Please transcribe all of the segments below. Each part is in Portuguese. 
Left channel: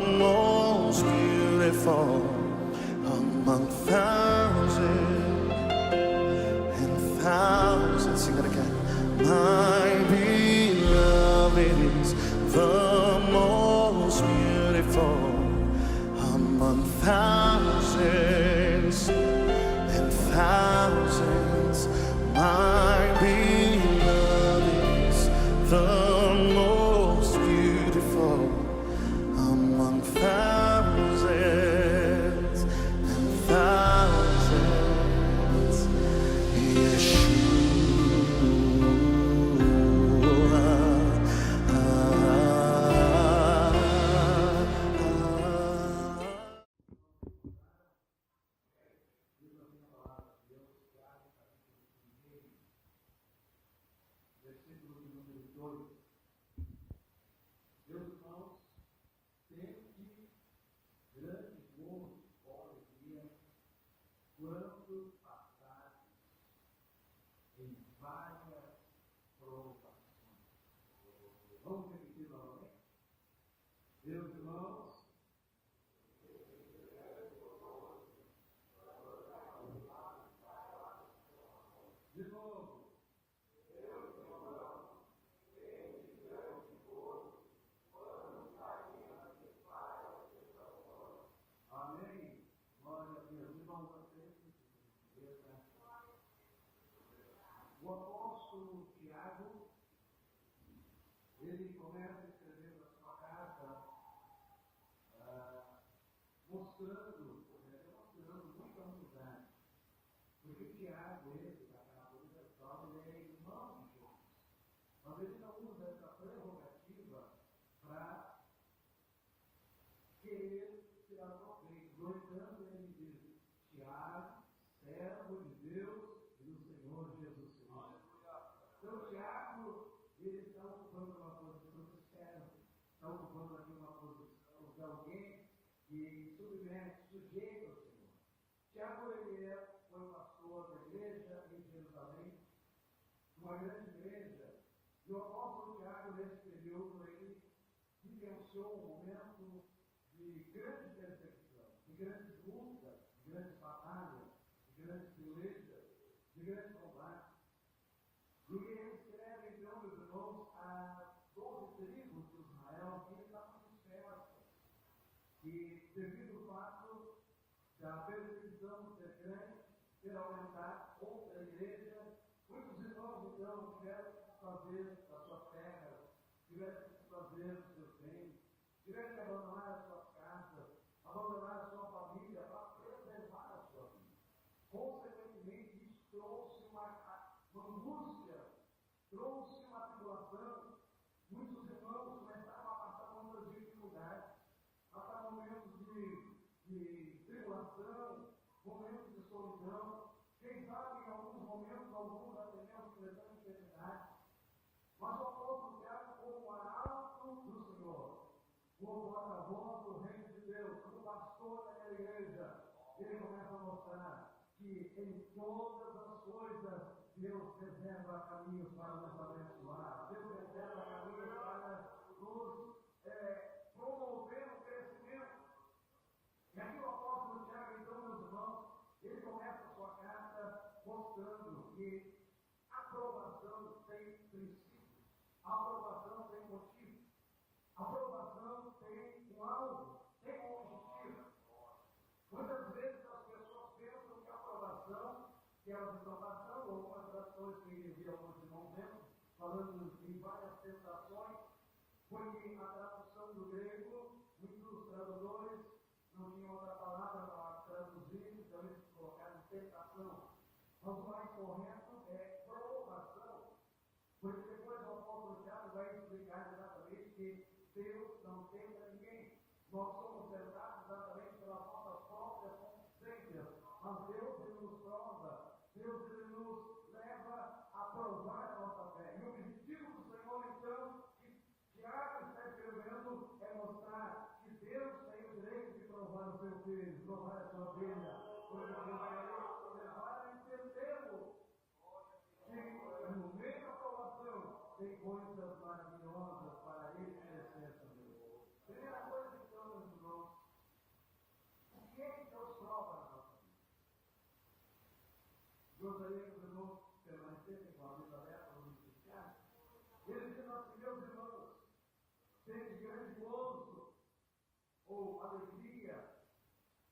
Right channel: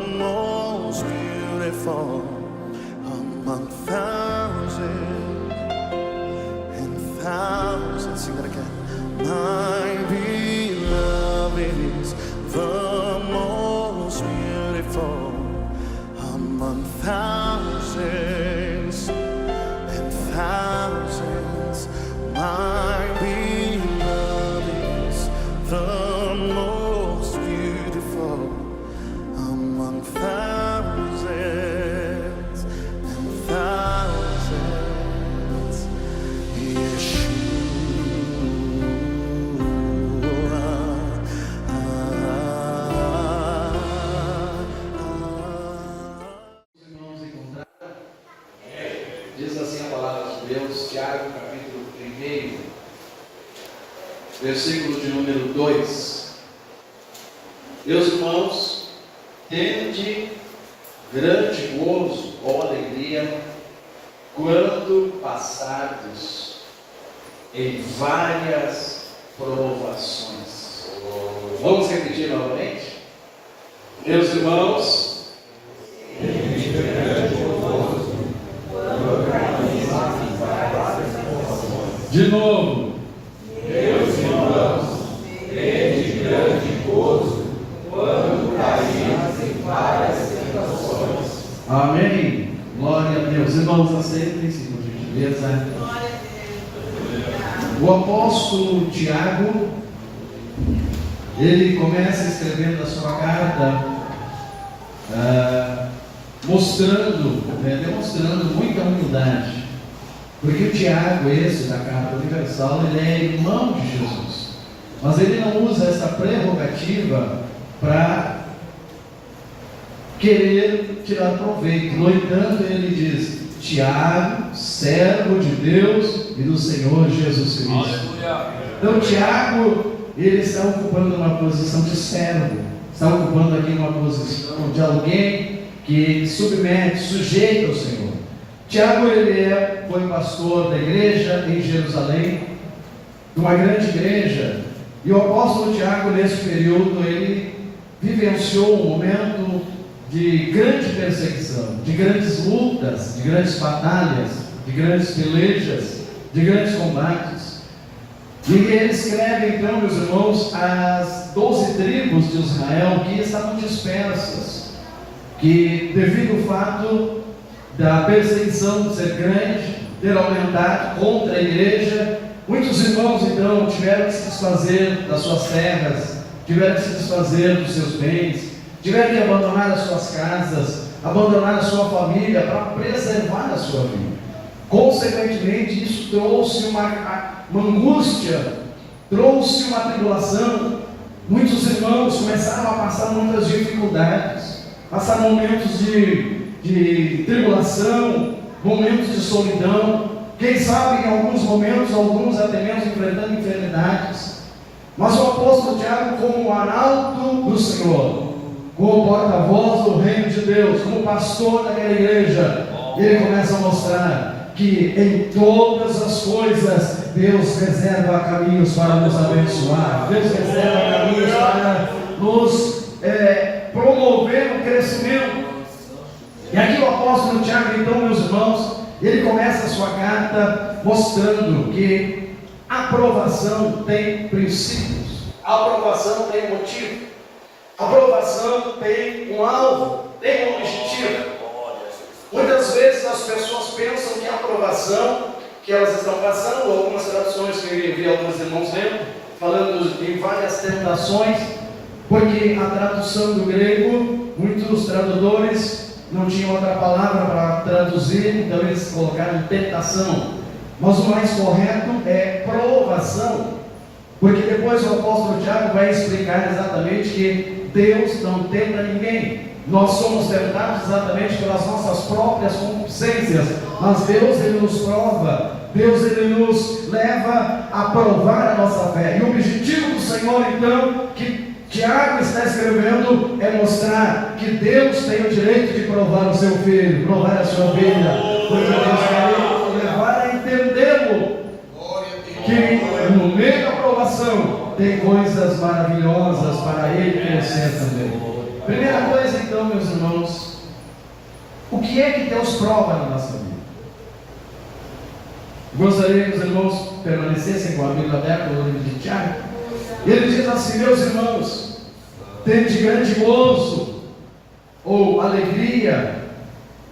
most beautiful among thousands and thousands. Sing that again. My beloved is the most beautiful among thousands and thousands. My beloved is the most beautiful among thousands and thousands. Diz assim a palavra de Deus, Tiago, capítulo 1, versículo de número 2. Meus irmãos, tende grande gozo ou alegria quando passardes em várias provações. Vamos repetir novamente? Meus irmãos, tende grande gozo quando passardes em várias provações. De novo. Meus irmãos, tende grande gozo quando caímos em várias tentações. Amém. Glória a Deus. Irmãos, aceitem-se, por gentileza. O apóstolo Tiago, ele começa escrevendo a sua carta, demonstrando muita humildade. Porque o Tiago, esse da Carta Universal, ele é irmão de Jesus. Mas ele não usa essa prerrogativa para querer tirar proveito. No entanto, ele diz: Tiago, servo de Deus e do Senhor Jesus Cristo. Aleluia. Então Tiago, ele está ocupando uma posição de servo. Está ocupando aqui uma posição de alguém que submete, sujeita ao Senhor. Tiago, ele foi pastor da igreja em Jerusalém, uma grande igreja, e o apóstolo Tiago, nesse período, ele vivenciou um momento de grande perseguição, de grandes lutas, de grandes batalhas, de grandes pelejas, de grandes combates. E ele escreve então, meus irmãos, as 12 tribos de Israel que estavam dispersas, que devido ao fato da perseguição ser grande, ter aumentado contra a igreja, muitos irmãos então tiveram que se desfazer das suas terras, tiveram que se desfazer dos seus bens, tiveram que abandonar as suas casas, abandonar a sua família para preservar a sua vida. Consequentemente, isso trouxe uma angústia, trouxe uma tribulação. Muitos irmãos começaram a passar muitas dificuldades, passar momentos de tribulação, momentos de solidão, quem sabe em alguns momentos, alguns até mesmo enfrentando enfermidades. Mas o apóstolo Tiago, como arauto do Senhor, como porta-voz do reino de Deus, como pastor daquela igreja, ele começa a mostrar que em todas as coisas Deus reserva caminhos para nos abençoar, Deus reserva caminhos para nos promover o crescimento. E aqui o apóstolo Tiago, então, meus irmãos, ele começa a sua carta mostrando que a aprovação tem princípios, a aprovação tem motivo, a aprovação tem um alvo, tem um objetivo. Muitas vezes as pessoas pensam que a aprovação que elas estão passando, algumas traduções que eu vi alguns irmãos lendo, falando em várias tentações, porque a tradução do grego, muitos tradutores não tinham outra palavra para traduzir, então eles colocaram tentação. Mas o mais correto é provação, porque depois o apóstolo Tiago vai explicar exatamente que Deus não tenta ninguém. Nós somos tentados exatamente pelas nossas próprias concupiscências, mas Deus, ele nos prova, Deus, ele nos leva a provar a nossa fé. E o objetivo do Senhor, então, que Tiago está escrevendo, é mostrar que Deus tem o direito de provar o seu filho, provar a sua vida, porque Deus quer levar a entendê-lo, que no meio da provação tem coisas maravilhosas para ele crescer também. Primeira coisa então, meus irmãos, o que é que Deus prova na nossa vida? Gostaria que os irmãos permanecessem com a Bíblia aberta no livro de Tiago. Ele diz assim: meus irmãos, tende grande gozo, ou alegria,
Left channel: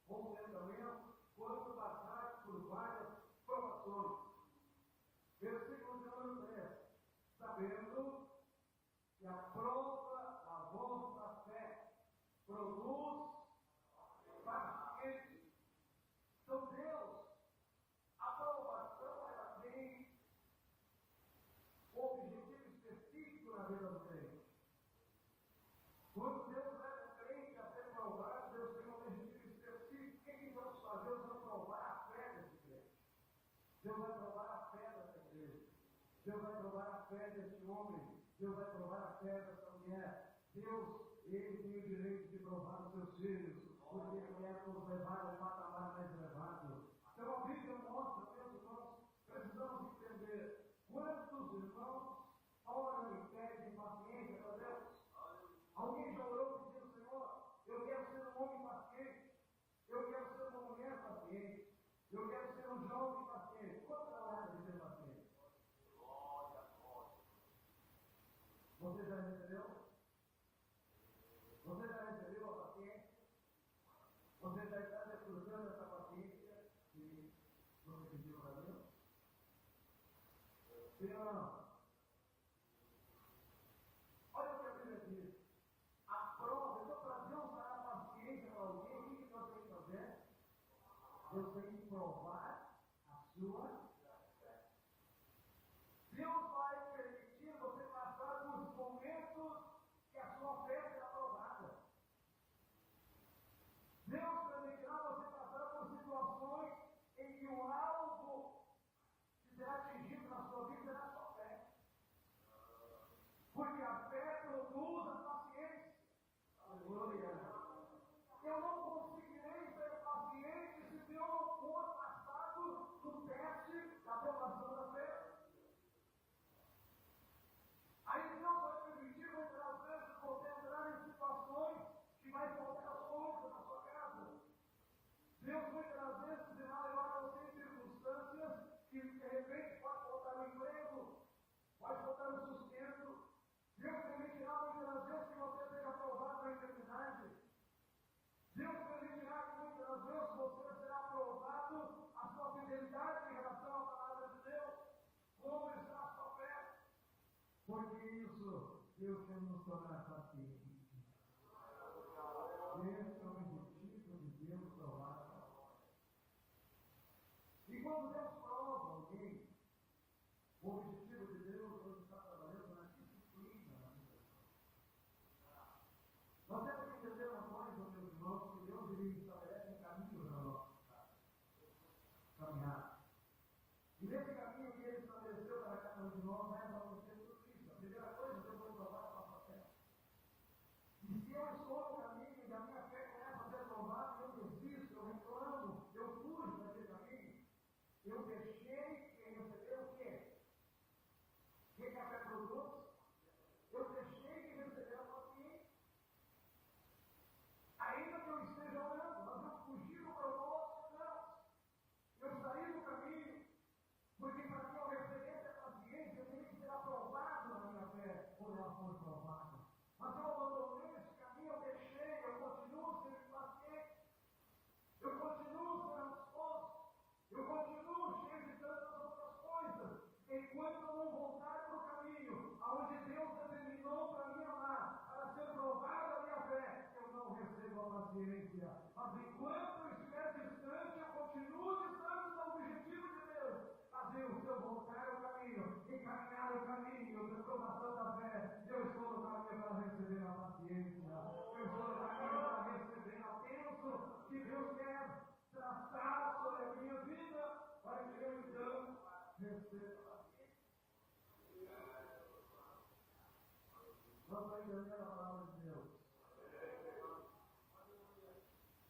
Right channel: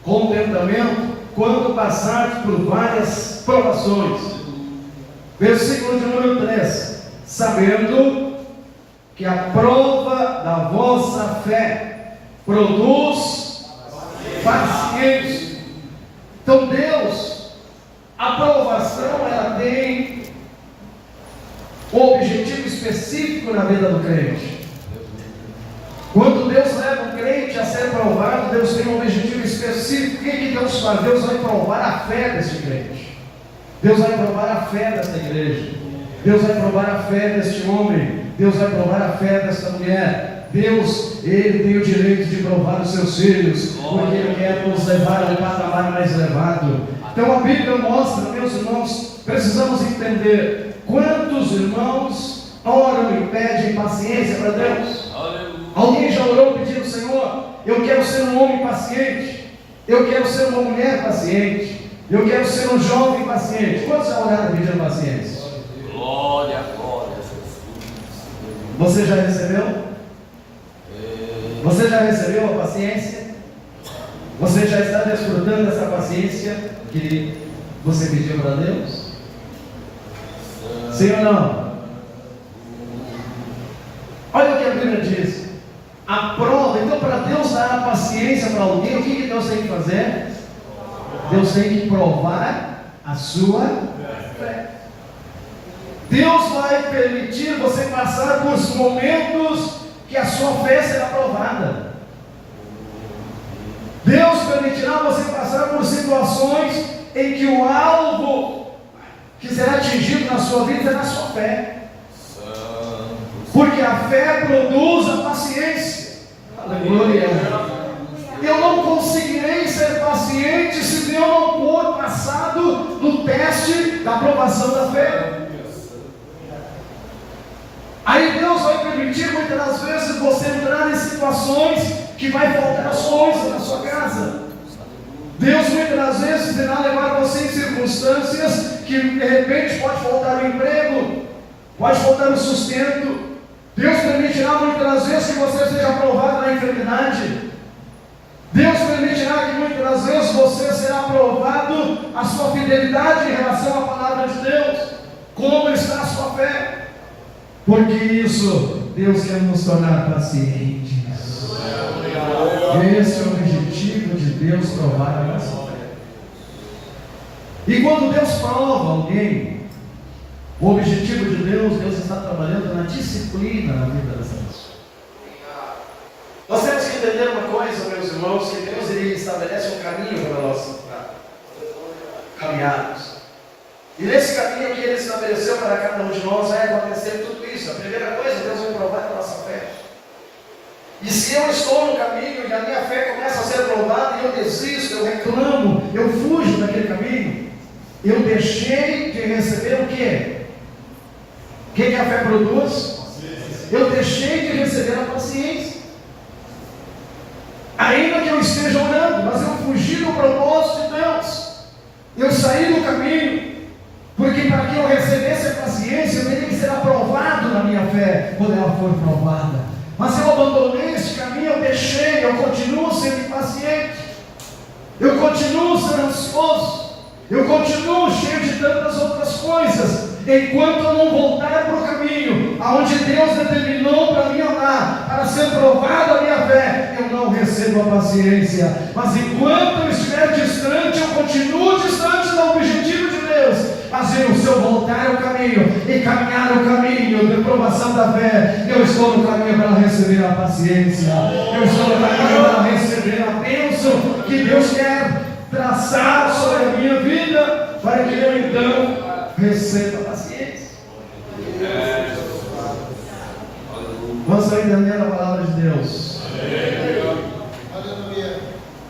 contentamento, quando passardes por várias provações. Versículo de número 3: sabendo que a prova da vossa fé produz paciência. Então Deus, a provação, ela tem um objetivo específico na vida do crente. Quando Deus leva o crente a ser provado, Deus tem um objetivo específico. O que Deus faz? Deus vai provar a fé deste crente. Deus vai provar a fé desta igreja. Deus vai provar a fé deste homem. Deus vai provar a fé desta mulher. Deus, Ele tem o direito de provar os seus filhos, porque Ele quer nos levar a um patamar mais elevado. Então a Bíblia mostra, meus irmãos, precisamos entender quantos irmãos oram e pedem paciência para Deus. Alguém já orou pedindo: Senhor, eu quero ser um homem paciente, eu quero ser uma mulher paciente, eu quero ser um jovem paciente. Quantos já oraram pedindo paciência? Glória, glória, Jesus. Você já recebeu? Você já recebeu a paciência? Você já está desfrutando dessa paciência que você pediu para Deus? Sim ou não? Olha o que a Bíblia diz. A prova, então, para Deus dar a paciência para alguém, o que Deus tem que fazer? Deus tem que provar a sua fé. Deus vai permitir você passar por momentos que a sua fé será provada. Deus permitirá você passar por situações em que o alvo que será atingido na sua vida é na sua fé. Porque a fé produz a paciência. Aleluia. Eu não conseguirei ser paciente se eu não for passado no teste da aprovação da fé. Aí Deus vai permitir muitas das vezes você entrar em situações que vai faltar as coisas na sua casa. Deus muitas das vezes irá levar você em circunstâncias que de repente pode faltar o emprego, pode faltar o sustento. Deus permitirá muitas das vezes que você seja provado na enfermidade. Deus permitirá que muitas das vezes você será provado a sua fidelidade em relação à palavra de Deus. Como está a sua fé? Porque isso, Deus quer nos tornar pacientes. Esse é o objetivo de Deus, provar a nossa fé. E quando Deus prova alguém, o objetivo de Deus está trabalhando na disciplina na vida das pessoas. Nós temos que entender uma coisa, meus irmãos, que Deus ele estabelece um caminho para nós caminharmos. E nesse caminho que Ele estabeleceu para cada um de nós vai acontecer tudo isso. A primeira coisa, Deus vai provar a nossa fé. E se eu estou no caminho e a minha fé começa a ser provada e eu desisto, eu reclamo, eu fujo daquele caminho, eu deixei de receber o quê? O que a fé produz? Eu deixei de receber a paciência. Ainda que eu esteja orando, mas eu fugi do propósito de Deus. Eu saí do caminho. Porque para que eu recebesse a paciência, eu teria que ser aprovado na minha fé, quando ela for provada. Mas eu abandonei este caminho, eu deixei, eu continuo sendo impaciente, eu continuo sendo ansioso, eu continuo cheio de tantas outras coisas, enquanto eu não voltar para o caminho, aonde Deus determinou para mim andar, para ser provada a minha fé, eu não recebo a paciência. Mas enquanto eu estiver distante, eu continuo distante do objetivo de Deus. Mas se eu voltar ao caminho e caminhar o caminho de provação da fé, eu estou no caminho para receber a paciência, eu estou no caminho para receber a bênção que Deus quer traçar sobre a minha vida, para que eu então receba a paciência. Vamos entender a palavra de Deus.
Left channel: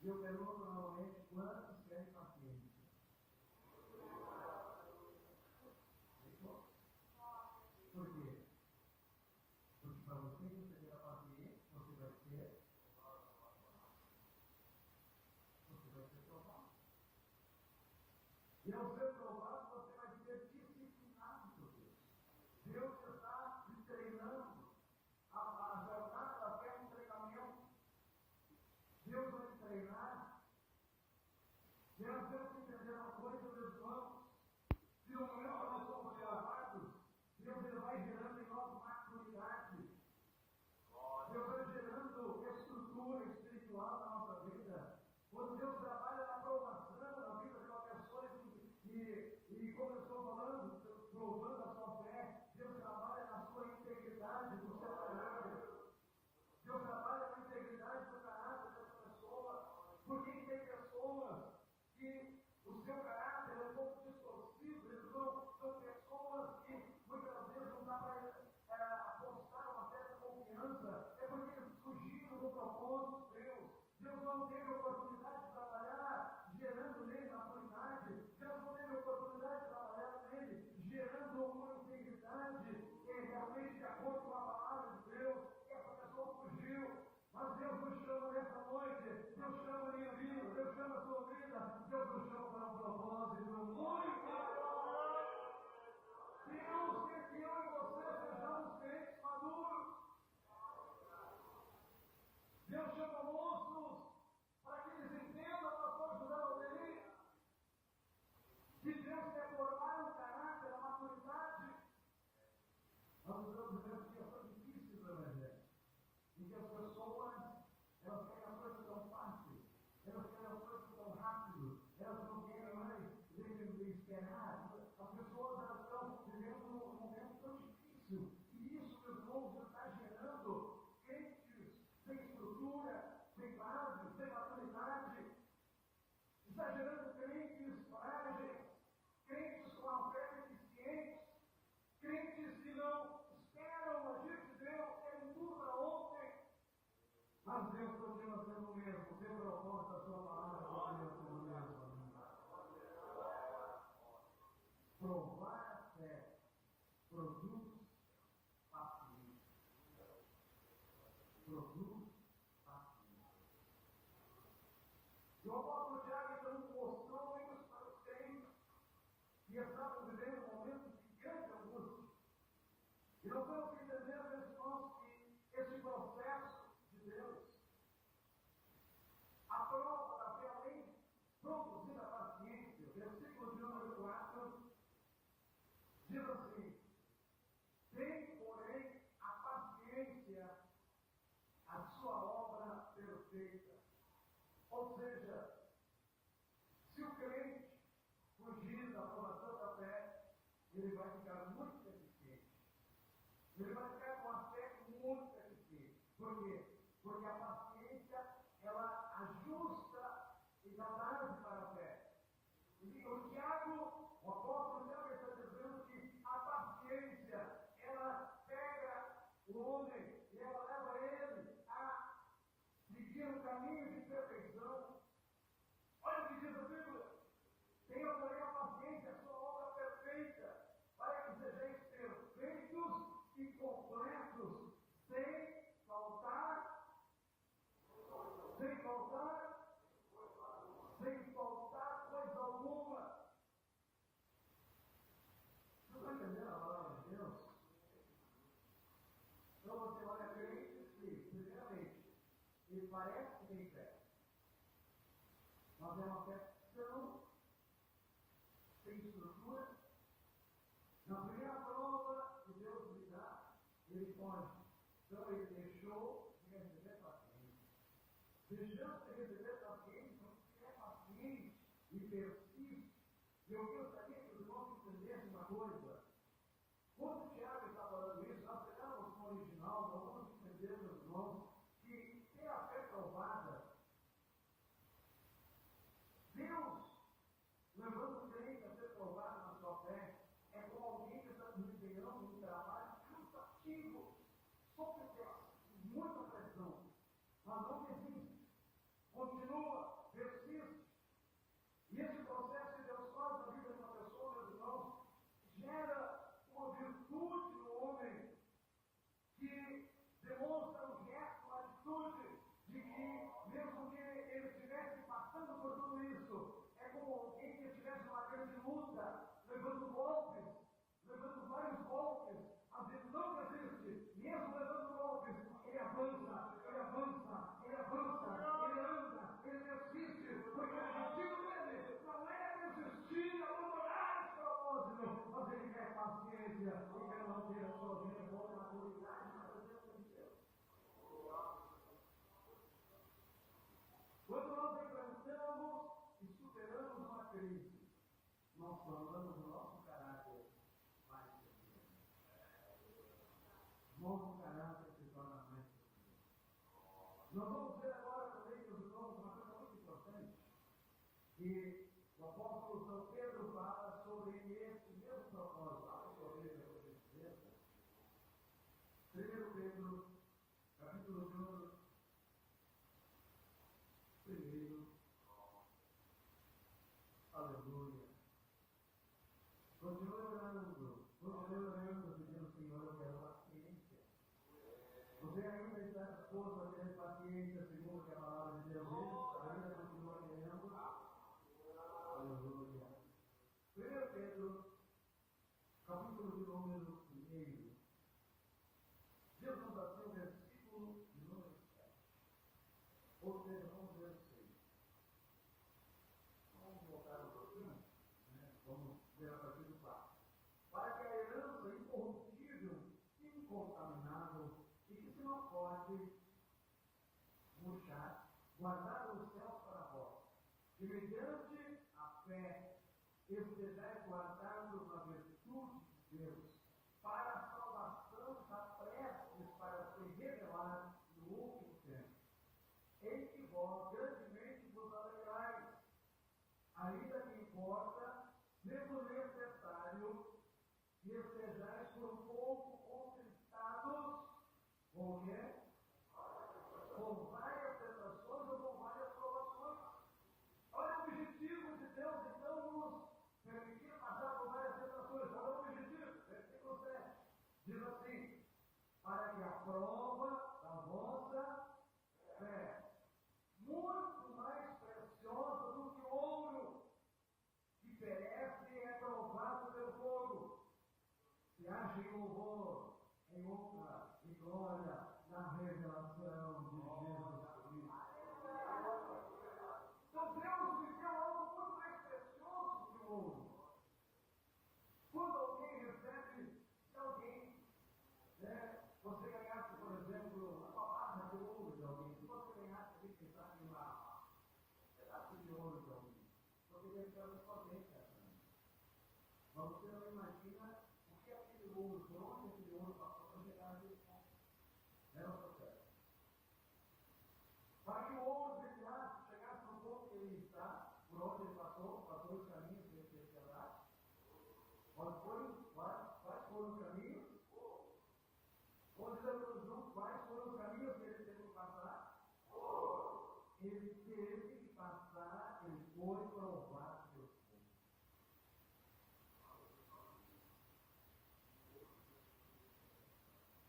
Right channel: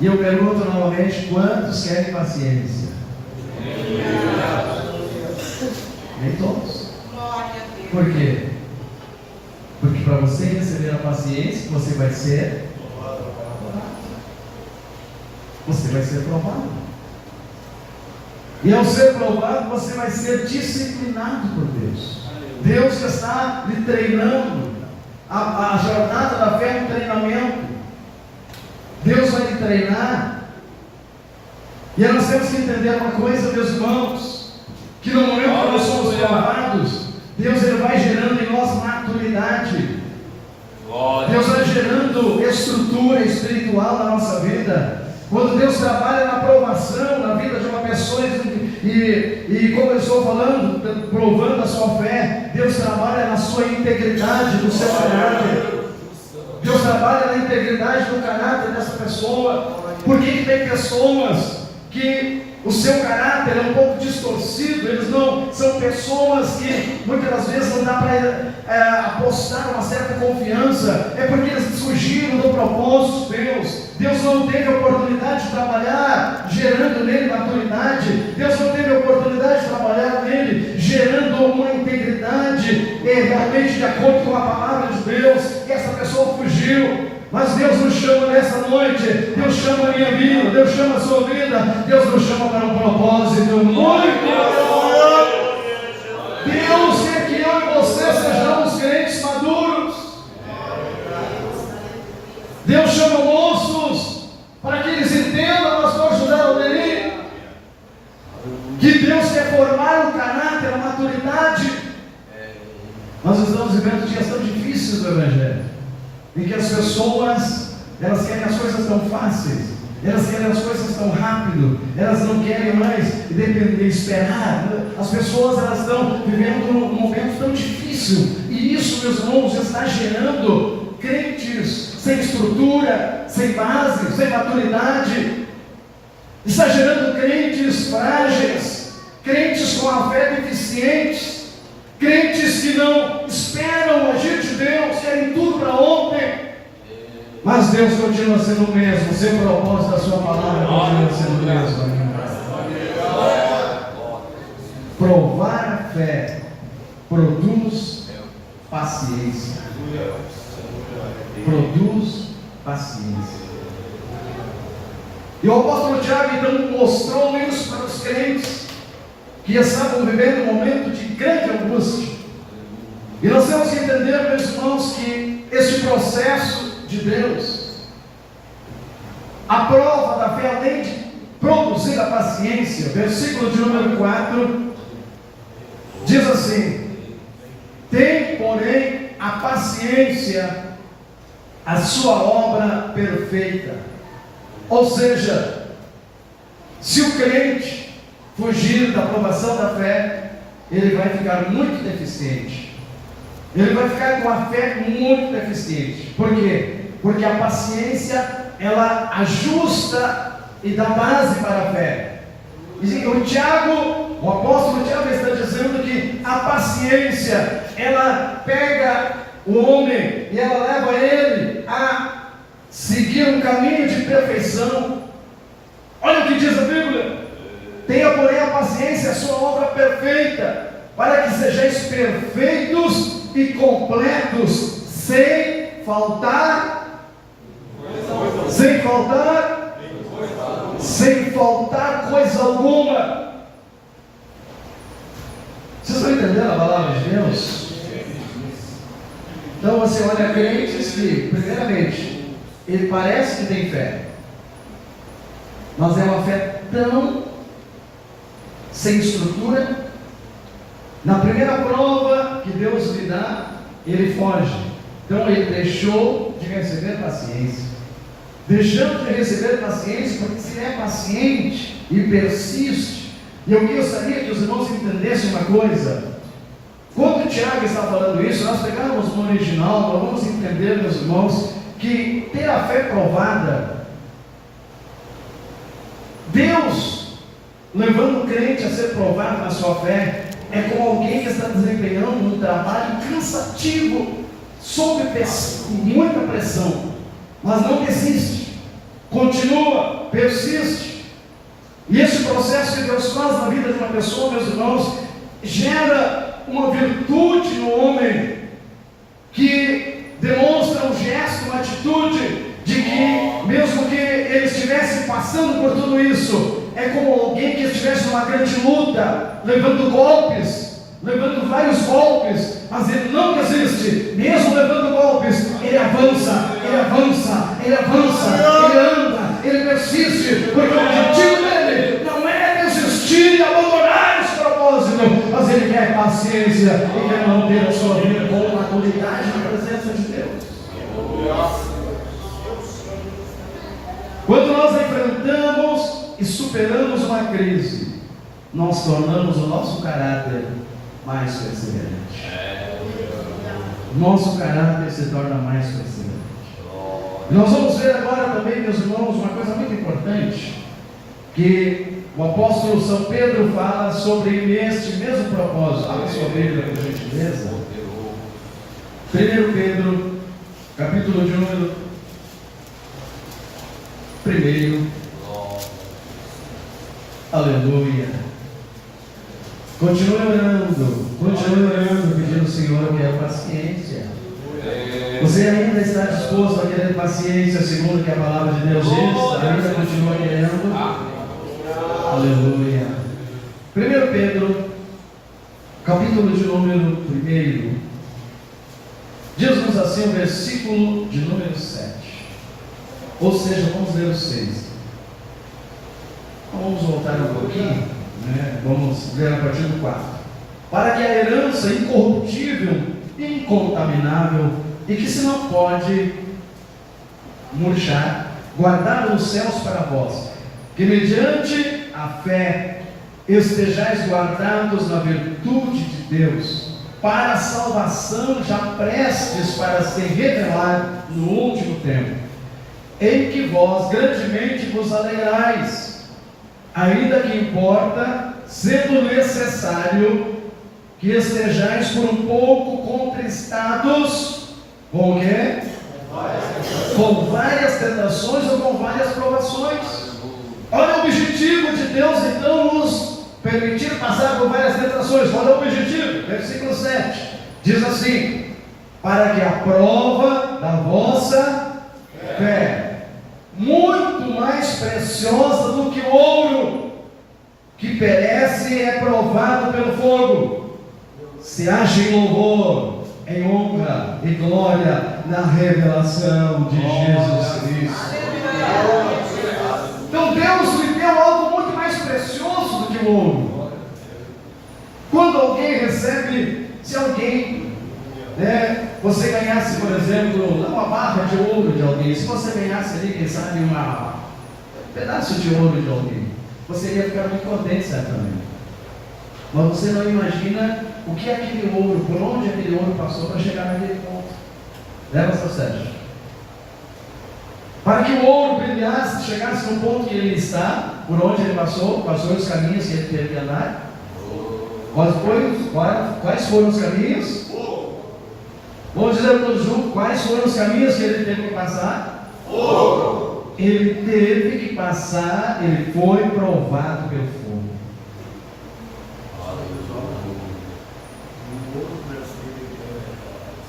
E eu pergunto novamente: quantos querem paciência? Nem todos. Por quê? Porque para você receber a paciência, você vai ser você vai ser provado. E ao ser provado, você vai ser disciplinado por Deus. Deus está lhe treinando. A jornada da fé é um treinamento. Deus vai lhe treinar. E nós temos que entender uma coisa, meus irmãos, que no momento que nós somos provados, Deus ele vai gerando em nós maturidade. Deus vai gerando estrutura espiritual na nossa vida. Quando Deus trabalha na provação na vida de uma pessoa e como eu estou falando, provando a sua fé, Deus trabalha na sua integridade, no seu caráter. Deus trabalha na integridade do caráter dessa pessoa. Porque tem pessoas que o seu caráter é um pouco distorcido, eles não são pessoas que muitas das vezes não dá para apostar uma certa confiança, é porque eles fugiram do propósito de Deus. Deus não teve a oportunidade de trabalhar gerando nele maturidade, Deus não teve a oportunidade de trabalhar nele gerando uma integridade realmente de acordo com a palavra de Deus, e essa pessoa fugiu. Mas Deus nos chama nessa noite, Deus chama a minha vida, Deus chama a sua vida, Deus nos chama para um propósito muito maior. Deus quer que eu e você sejamos crentes maduros. Deus chama moços para que eles entendam, pastor José Alderi, que Deus quer formar o caráter, a maturidade. Nós estamos vivendo dias tão difíceis do Evangelho, em que as pessoas, elas querem as coisas tão fáceis, elas querem as coisas tão rápido, elas não querem mais depender, esperar. As pessoas, elas estão vivendo um momento tão difícil, e isso, meus irmãos, está gerando crentes sem estrutura, sem base, sem maturidade. Está gerando crentes frágeis, crentes com a fé deficientes, crentes que não esperam o agir de Deus, querem tudo para ontem. Mas Deus continua sendo o mesmo, o seu propósito da sua palavra continua sendo o mesmo. Provar a fé produz paciência. Produz paciência. E o apóstolo Tiago então mostrou isso para os crentes que estavam vivendo um momento de grande angústia. E nós temos que entender, meus irmãos, que este processo de Deus, a prova da fé, além de produzir a paciência, versículo de número 4, diz assim: tem, porém, a paciência a sua obra perfeita. Ou seja, se o crente fugir da aprovação da fé, ele vai ficar muito deficiente. Ele vai ficar com a fé muito deficiente. Por quê? Porque a paciência, ela ajusta e dá base para a fé. E o apóstolo Tiago está dizendo que a paciência, ela pega o homem e ela leva ele a seguir um caminho de perfeição. Olha o que diz a Bíblia: tenha, porém, a paciência a sua obra perfeita, para que sejais perfeitos e completos, sem faltar coisa alguma. Vocês estão entendendo a palavra de Deus? Então você olha crentes que, primeiramente, ele parece que tem fé, mas é uma fé tão sem estrutura. Na primeira prova que Deus lhe dá, ele foge. Então ele deixou de receber paciência. Deixando de receber paciência, porque se é paciente e persiste. E eu gostaria que os irmãos entendessem uma coisa. Quando o Tiago está falando isso, nós pegamos no original, nós vamos entender, meus irmãos, que ter a fé provada, Deus levando o crente a ser provado na sua fé, é como alguém que está desempenhando um trabalho cansativo, sob muita pressão, mas não desiste, continua, persiste. E esse processo que Deus faz na vida de uma pessoa, meus irmãos, gera uma virtude no homem, que demonstra um gesto, uma atitude, de que mesmo que ele estivesse passando por tudo isso, é como alguém que estivesse numa grande luta, levando golpes, levando vários golpes, mas ele não desiste, mesmo levando golpes, ele avança, ele avança, ele avança, ele anda, ele persiste, porque o objetivo dele não é desistir e abandonar esse propósito, mas ele quer paciência e quer manter a sua vida com maturidade na presença de Deus. Quando nós enfrentamos e superamos uma crise, nós tornamos o nosso caráter mais perseverante. Nosso caráter se torna mais perseverante. E nós vamos ver agora também, meus irmãos, uma coisa muito importante, que o apóstolo São Pedro fala sobre este mesmo propósito. Abra sua Bíblia, por gentileza. 1 Pedro, capítulo de número 1. Aleluia. Continue orando, pedindo ao Senhor que é paciência. Você ainda está disposto a querer paciência, segundo que a palavra de Deus diz? Ainda continua querendo? Aleluia. 1 Pedro, capítulo de número 1. Diz-nos assim o versículo de número 7. Ou seja, vamos ler o 6. Vamos voltar um pouquinho, né? Vamos ler a partir do 4. Para que a herança incorruptível, incontaminável e que se não pode murchar, guardada nos céus para vós, que mediante a fé estejais guardados na virtude de Deus, para a salvação já prestes para se revelar no último tempo, em que vós grandemente vos alegrais, ainda que importa, sendo necessário, que estejais por um pouco contristados, com o quê? Com várias tentações ou com várias provações. Olha o objetivo de Deus, então, nos permitir passar por várias tentações. Olha o objetivo, versículo 7, diz assim: para que a prova da vossa fé, muito mais preciosa do que o ouro, que perece e é provado pelo fogo, se ache em louvor, em honra e glória na revelação de Jesus Cristo. Então Deus lhe deu algo muito mais precioso do que o ouro. Quando alguém recebe, se alguém, você ganhasse, por exemplo, uma barra de ouro de alguém, se você ganhasse ali, quem sabe, um pedaço de ouro de alguém, você ia ficar muito contente, certamente. Mas você não imagina o que é aquele ouro, por onde aquele ouro passou para chegar naquele ponto. Leva seu Sérgio. Para que o ouro brilhasse, chegasse no ponto que ele está, por onde ele passou, quais foram os caminhos que ele teve que andar? Quais foram os caminhos? Vamos dizer todos juntos, quais foram os caminhos que ele teve que passar? Ele teve que passar, ele foi provado pelo fogo.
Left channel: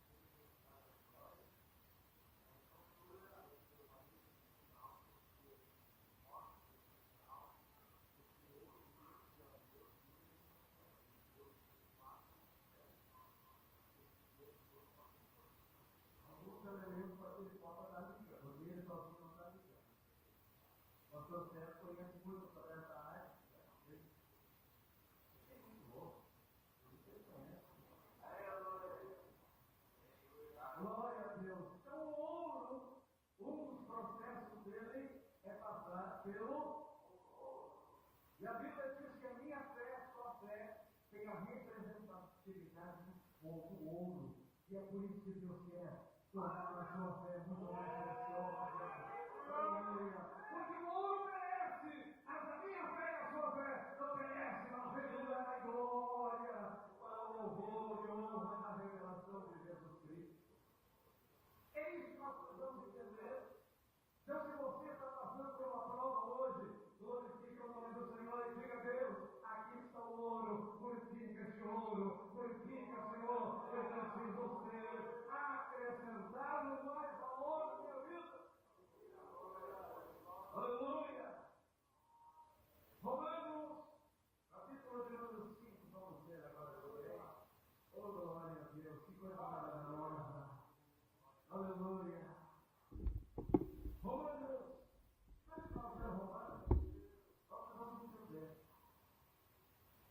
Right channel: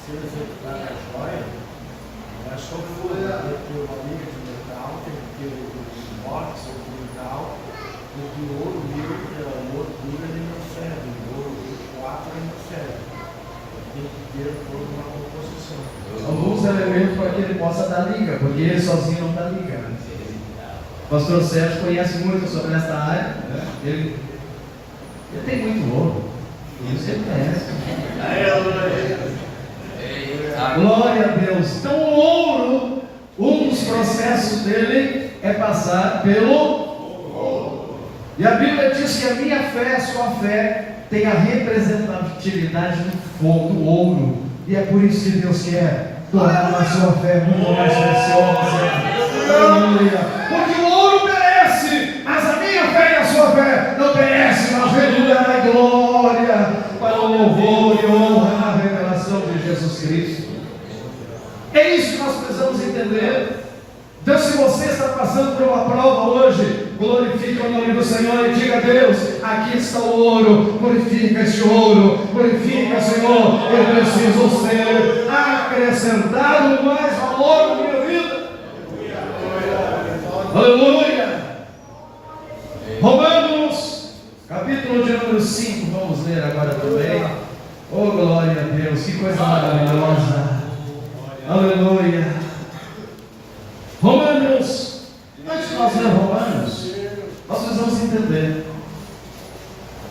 Se ele executar a joia, é só for ter uma liga de metal, tem que ter o inox ou o metal, porque o ouro livre, o ouro puro, ele não serve, o ouro 4 ele não serve. Tem que ter toda uma composição. Alguns elementos para que ele possa dar liga, porque ele sozinho não dá liga. O pastor Sérgio conhece muito sobre essa área, né? Ele tem muito ouro, isso ele conhece. Glória a Deus. Então o ouro, um dos processos dele é passar pelo ouro. E a Bíblia diz que a minha fé, a sua fé, tem a representatividade do fogo, do ouro. E é por isso que Deus quer tornar a sua fé muito mais preciosa. Aleluia. Porque o ouro perece, mas a minha fé e a sua fé não perece, mas redundará em glória para o louvor e honra na revelação de Jesus Cristo. É isso que nós precisamos entender. Então, se você está passando por uma prova hoje, glorifique o nome do Senhor e diga a Deus: aqui está o ouro, glorifica este ouro, glorifica, Senhor, eu preciso ser acrescentado mais valor na minha vida. Aleluia. que coisa maravilhosa. Aleluia. Romanos. Antes de nós ler Romanos, nós precisamos entender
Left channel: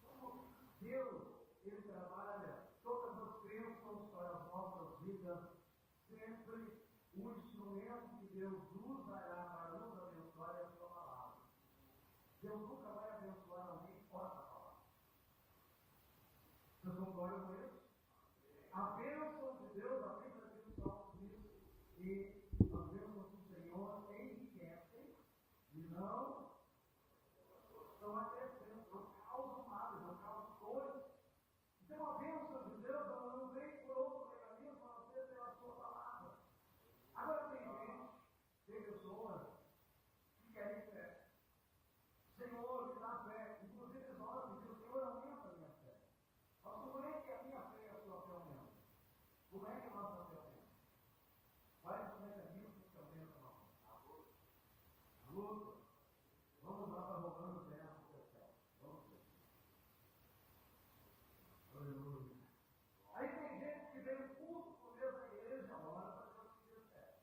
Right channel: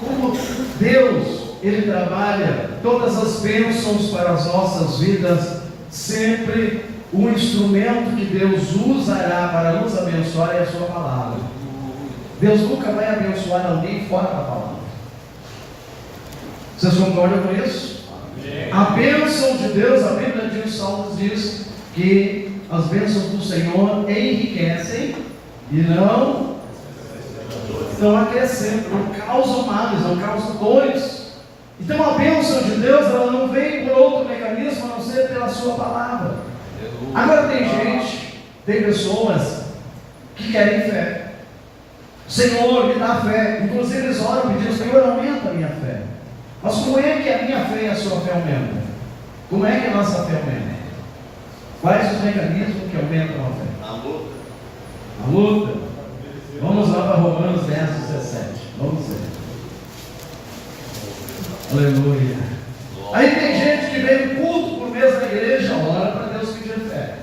como Deus, Ele trabalha todas as bênçãos para as nossas vidas. Sempre o instrumento que Deus usará para nos abençoar é a sua palavra. Deus nunca vai abençoar alguém fora da palavra. Vocês concordam com isso? Amém. A bênção de Deus, a Bíblia diz, Salmos diz que as bênçãos do Senhor enriquecem e não acrescentam, não causam males, não causam dores. Então a bênção de Deus, ela não vem por outro mecanismo a não ser pela sua palavra. Agora tem pessoas que querem fé. Senhor, me dá fé. Inclusive eles oram pedindo, Senhor, aumenta a minha fé. Mas como é que a minha fé e a sua fé aumentam? Como é que a nossa fé aumenta? Quais os mecanismos que aumentam a fé? A luta. Vamos lá para Romanos 10, 17. Vamos ver. Aleluia. Aí tem gente que vem no culto por mês da igreja, ora para Deus pedir fé.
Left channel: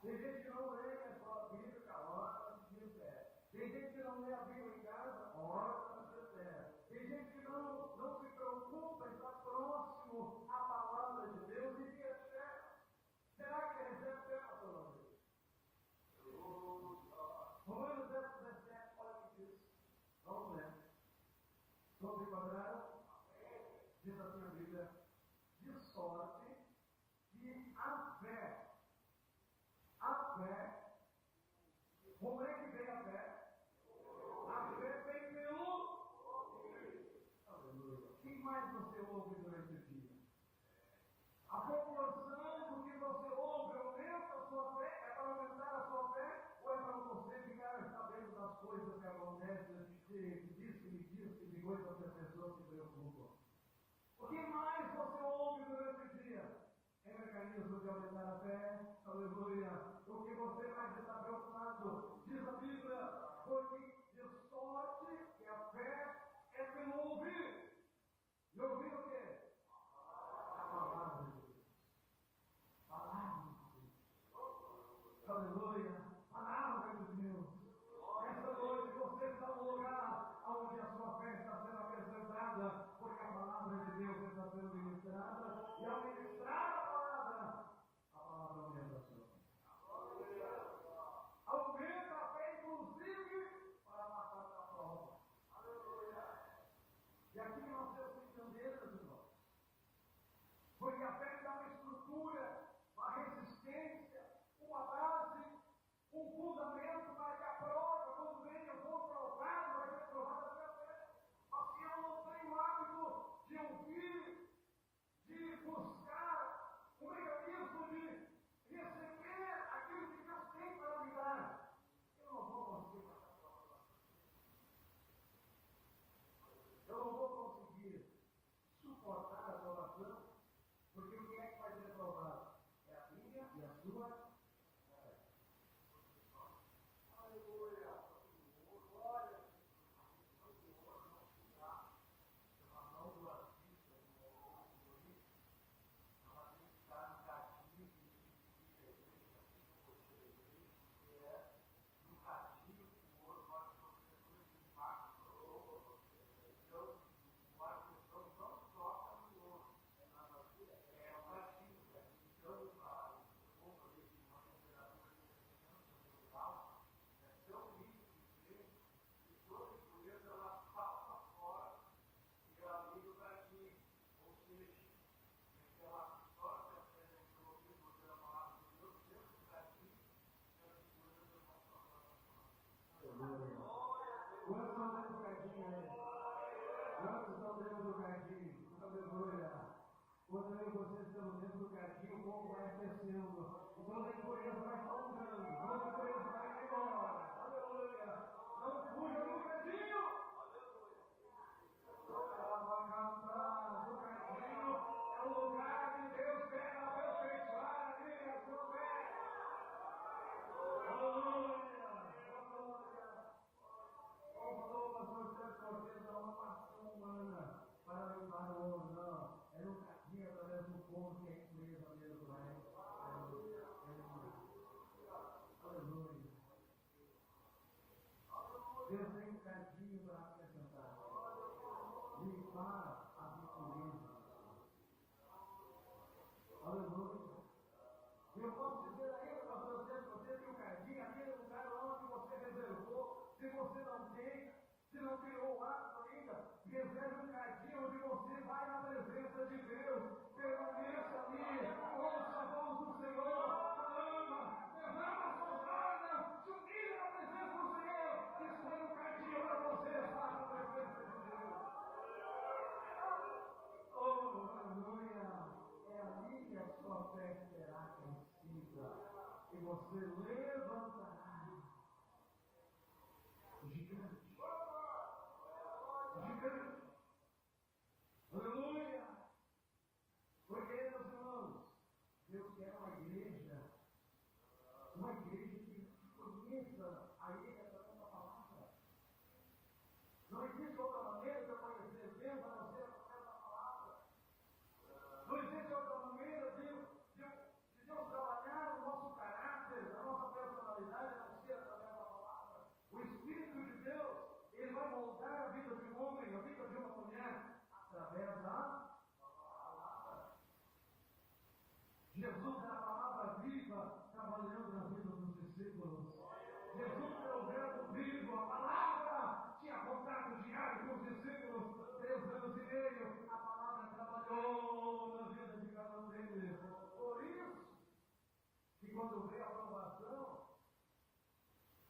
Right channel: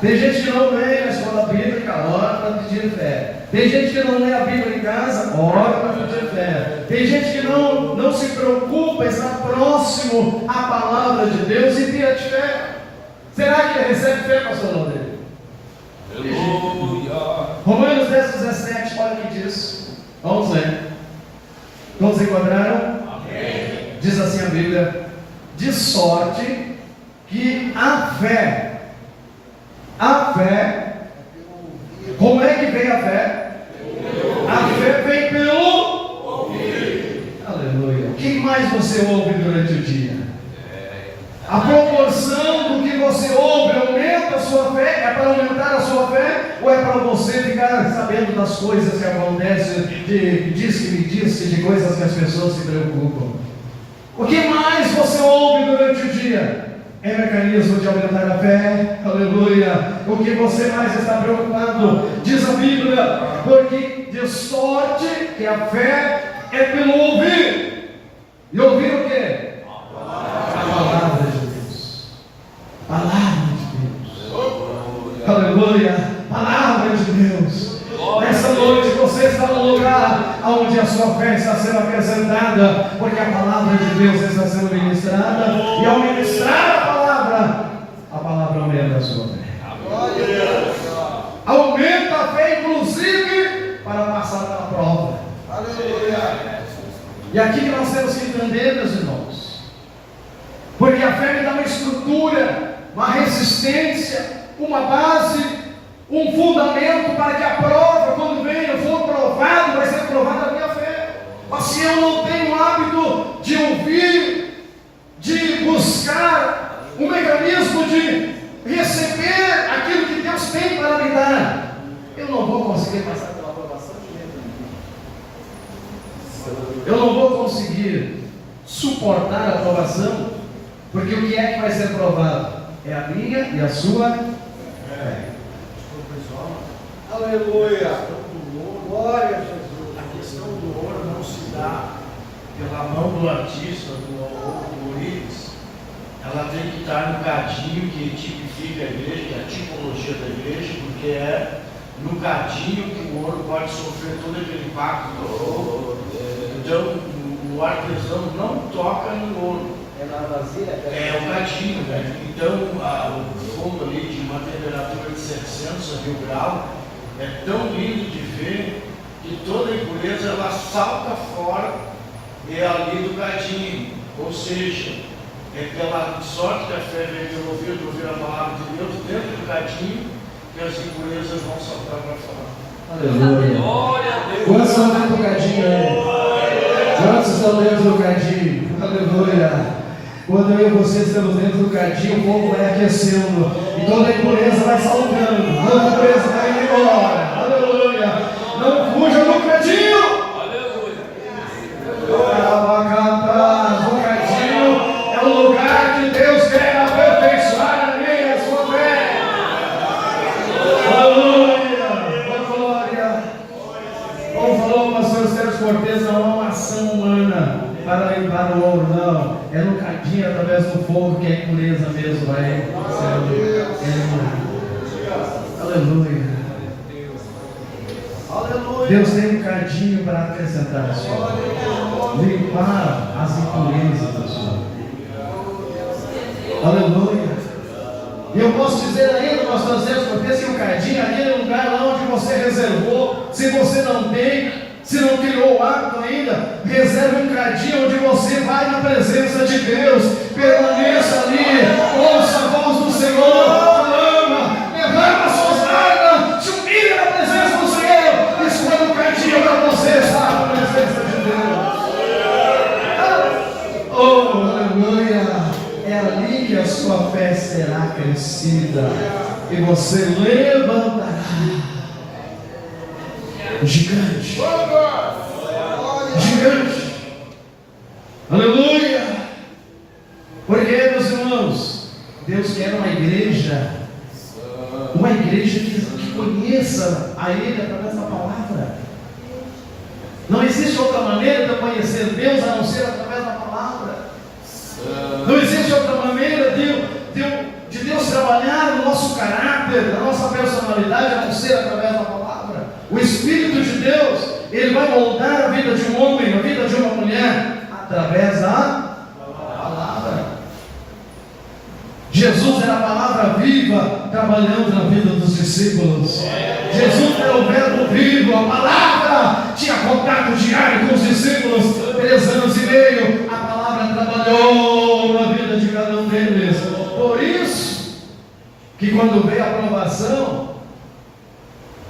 Tem gente que não vem na escola bíblica, ora para pedir fé. Tem gente que não lê a Bíblia em casa, ora para pedir fé. Tem gente que não se preocupa em estar próximo à palavra de Deus e pede fé. Será que ele recebe fé, pastor André? Aleluia. Romanos 10, 17, olha o que diz. Vamos ler. Todos encontraram? Amém. Diz assim a Bíblia: de sorte que a fé, como é que vem a fé? A fé vem pelo ouvir. Aleluia. O que mais você ouve durante o dia? A proporção do que você ouve aumenta a sua fé? É para aumentar a sua fé? Ou é para você ficar sabendo das coisas que acontecem, de diz que me disse, de coisas que as pessoas se preocupam? O que mais você ouve durante o dia? É mecanismo de aumentar a fé. Aleluia. O que você mais está preocupado? Diz a Bíblia, porque de sorte que a fé é pelo ouvir. E ouvir o quê? A palavra de Deus. Palavra de Deus. Aleluia. Palavra de Deus. Nessa noite você está no lugar onde a sua fé está sendo apresentada, porque a palavra de Deus está sendo ministrada, e ao ministrar a palavra aumenta a sua fé. Aumenta a fé, inclusive, para passar pela prova. Aleluia. E aqui que nós temos que entender, meus irmãos, porque a fé me dá uma estrutura, uma resistência, uma base, um fundamento para que a prova, quando vem, eu for provado, vai ser provada a minha fé. Mas se eu não tenho o hábito de ouvir, de buscar um mecanismo de receber aquilo que Deus tem para me dar, eu não vou conseguir passar pela aprovação de jeito nenhum. Eu não vou conseguir suportar a aprovação, porque o que é que vai ser provado? É a minha e a sua fé. Aleluia. Glória a Jesus. A questão do ouro não se dá pela mão do artista, do Orives. Ela tem que estar no cadinho que tipifica a igreja, que é a tipologia da igreja, porque é no cadinho que o ouro pode sofrer todo aquele impacto do ouro. Então, o artesão não toca no ouro. É na vasilha? É o cadinho, né? Então, o fogo ali de uma temperatura de 700 a 1000 graus é tão lindo de ver que toda a impureza ela salta fora ali do cadinho. Ou seja, é pela sorte que a fé vem pelo ouvir a palavra de Deus dentro do cadinho que as impurezas vão saltar para fora. Aleluia. Quantos estão dentro do cadinho aí? Quantos estão dentro do cadinho? Aleluia. Quando eu e você estamos dentro do cadinho, o fogo vai aquecendo e toda a impureza vai saltando, toda a impureza vai indo embora. Aleluia. Não fuja do cadinho. Aleluia. O cadinho é o lugar que Deus quer aperfeiçoar a minha e a sua fé. Aleluia. Glória. Como falou o pastor Sérgio Cortez, não é uma ação humana para limpar o ouro, não. É no cadinho cadinho através do fogo, que a impureza mesmo vai sendo eliminada. Aleluia. Deus tem um cadinho para acrescentar a sua vida, limpar as impurezas da sua vida. Aleluia. E eu posso dizer ainda, pastor Sérgio, porque esse cadinho, aquele lugar lá onde você reservou, se você não tem, se não criou o hábito ainda, reserve um cadinho onde você vai na presença de Deus, permaneça ali, ouça a voz do Senhor, clama, levanta suas lágrimas, se humilha na presença do Senhor, escolha um cadinho para você estar na presença de Deus. Oh, aleluia! É ali que a sua fé será crescida e você levantará gigante. Gigante. Aleluia. Porque, meus irmãos, Deus quer uma igreja que conheça a Ele através da palavra. Não existe outra maneira de conhecer Deus a não ser através da palavra. Não existe outra maneira de Deus trabalhar no nosso caráter, na nossa personalidade, a não ser através da palavra. O Espírito de Deus, Ele vai moldar a vida de um homem, a vida de uma mulher, através da palavra. Jesus era a palavra viva, trabalhando na vida dos discípulos. Jesus era o verbo vivo, a palavra tinha contato diário com os discípulos, 3 anos e meio, a palavra trabalhou na vida de cada um deles. Por isso, que quando veio a provação,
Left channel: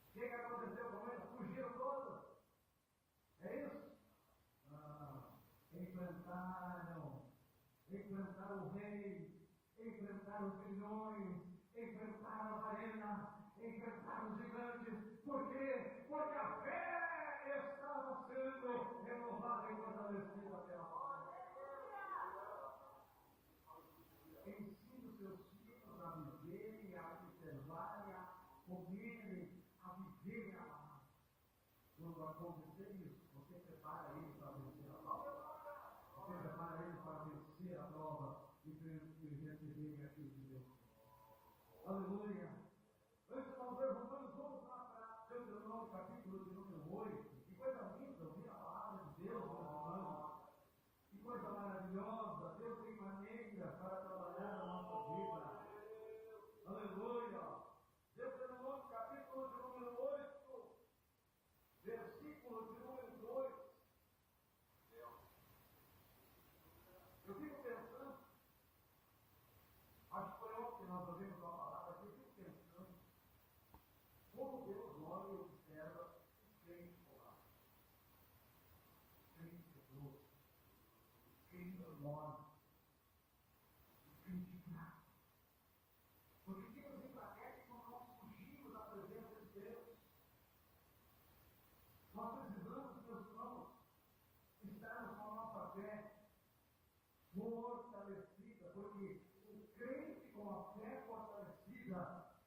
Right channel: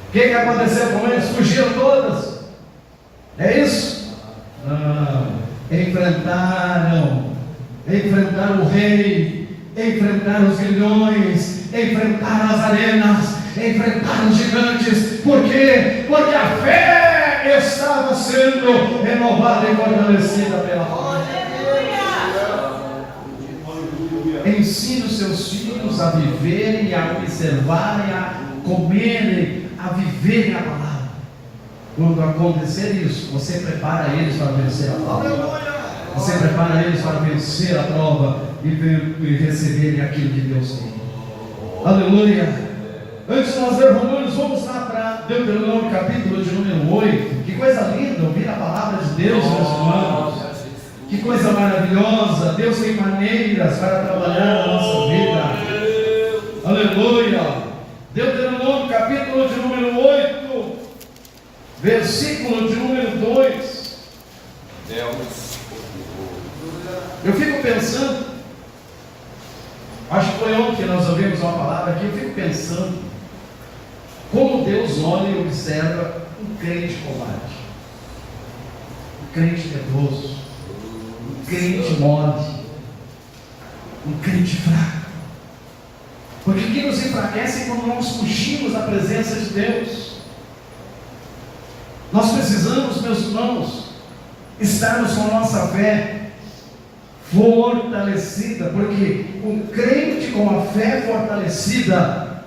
o que aconteceu com eles? Fugiram todas. É isso? Não. Enfrentaram o rei, enfrentaram os grilhões, enfrentaram as arenas, enfrentaram os gigantes. Por quê? Porque a fé estava sendo renovada e fortalecida pela palavra. Ensine os seus filhos a viverem, a observarem, a comerem, a viverem a palavra. Quando acontecer isso, você prepara eles para vencer a prova. Você prepara eles para vencer a prova e receberem aquilo que Deus tem. Aleluia. Antes de nós ler Romanos, vamos lá para Deuteronômio, capítulo de número 8. Que coisa linda ouvir a palavra de Deus, meus irmãos. Que coisa maravilhosa. Deus tem maneiras para trabalhar na nossa vida. Aleluia. Deuteronômio, capítulo de número 8, versículo de número 2. Eu fico pensando, acho que foi ontem que nós ouvimos uma palavra aqui, eu fico pensando como Deus olha e observa um crente covarde, um crente medroso, um crente mole, um crente fraco. Porque o que nos enfraquece é quando nós fugimos da presença de Deus. Nós precisamos, meus irmãos, estarmos com a nossa fé fortalecida, porque um crente com a fé fortalecida,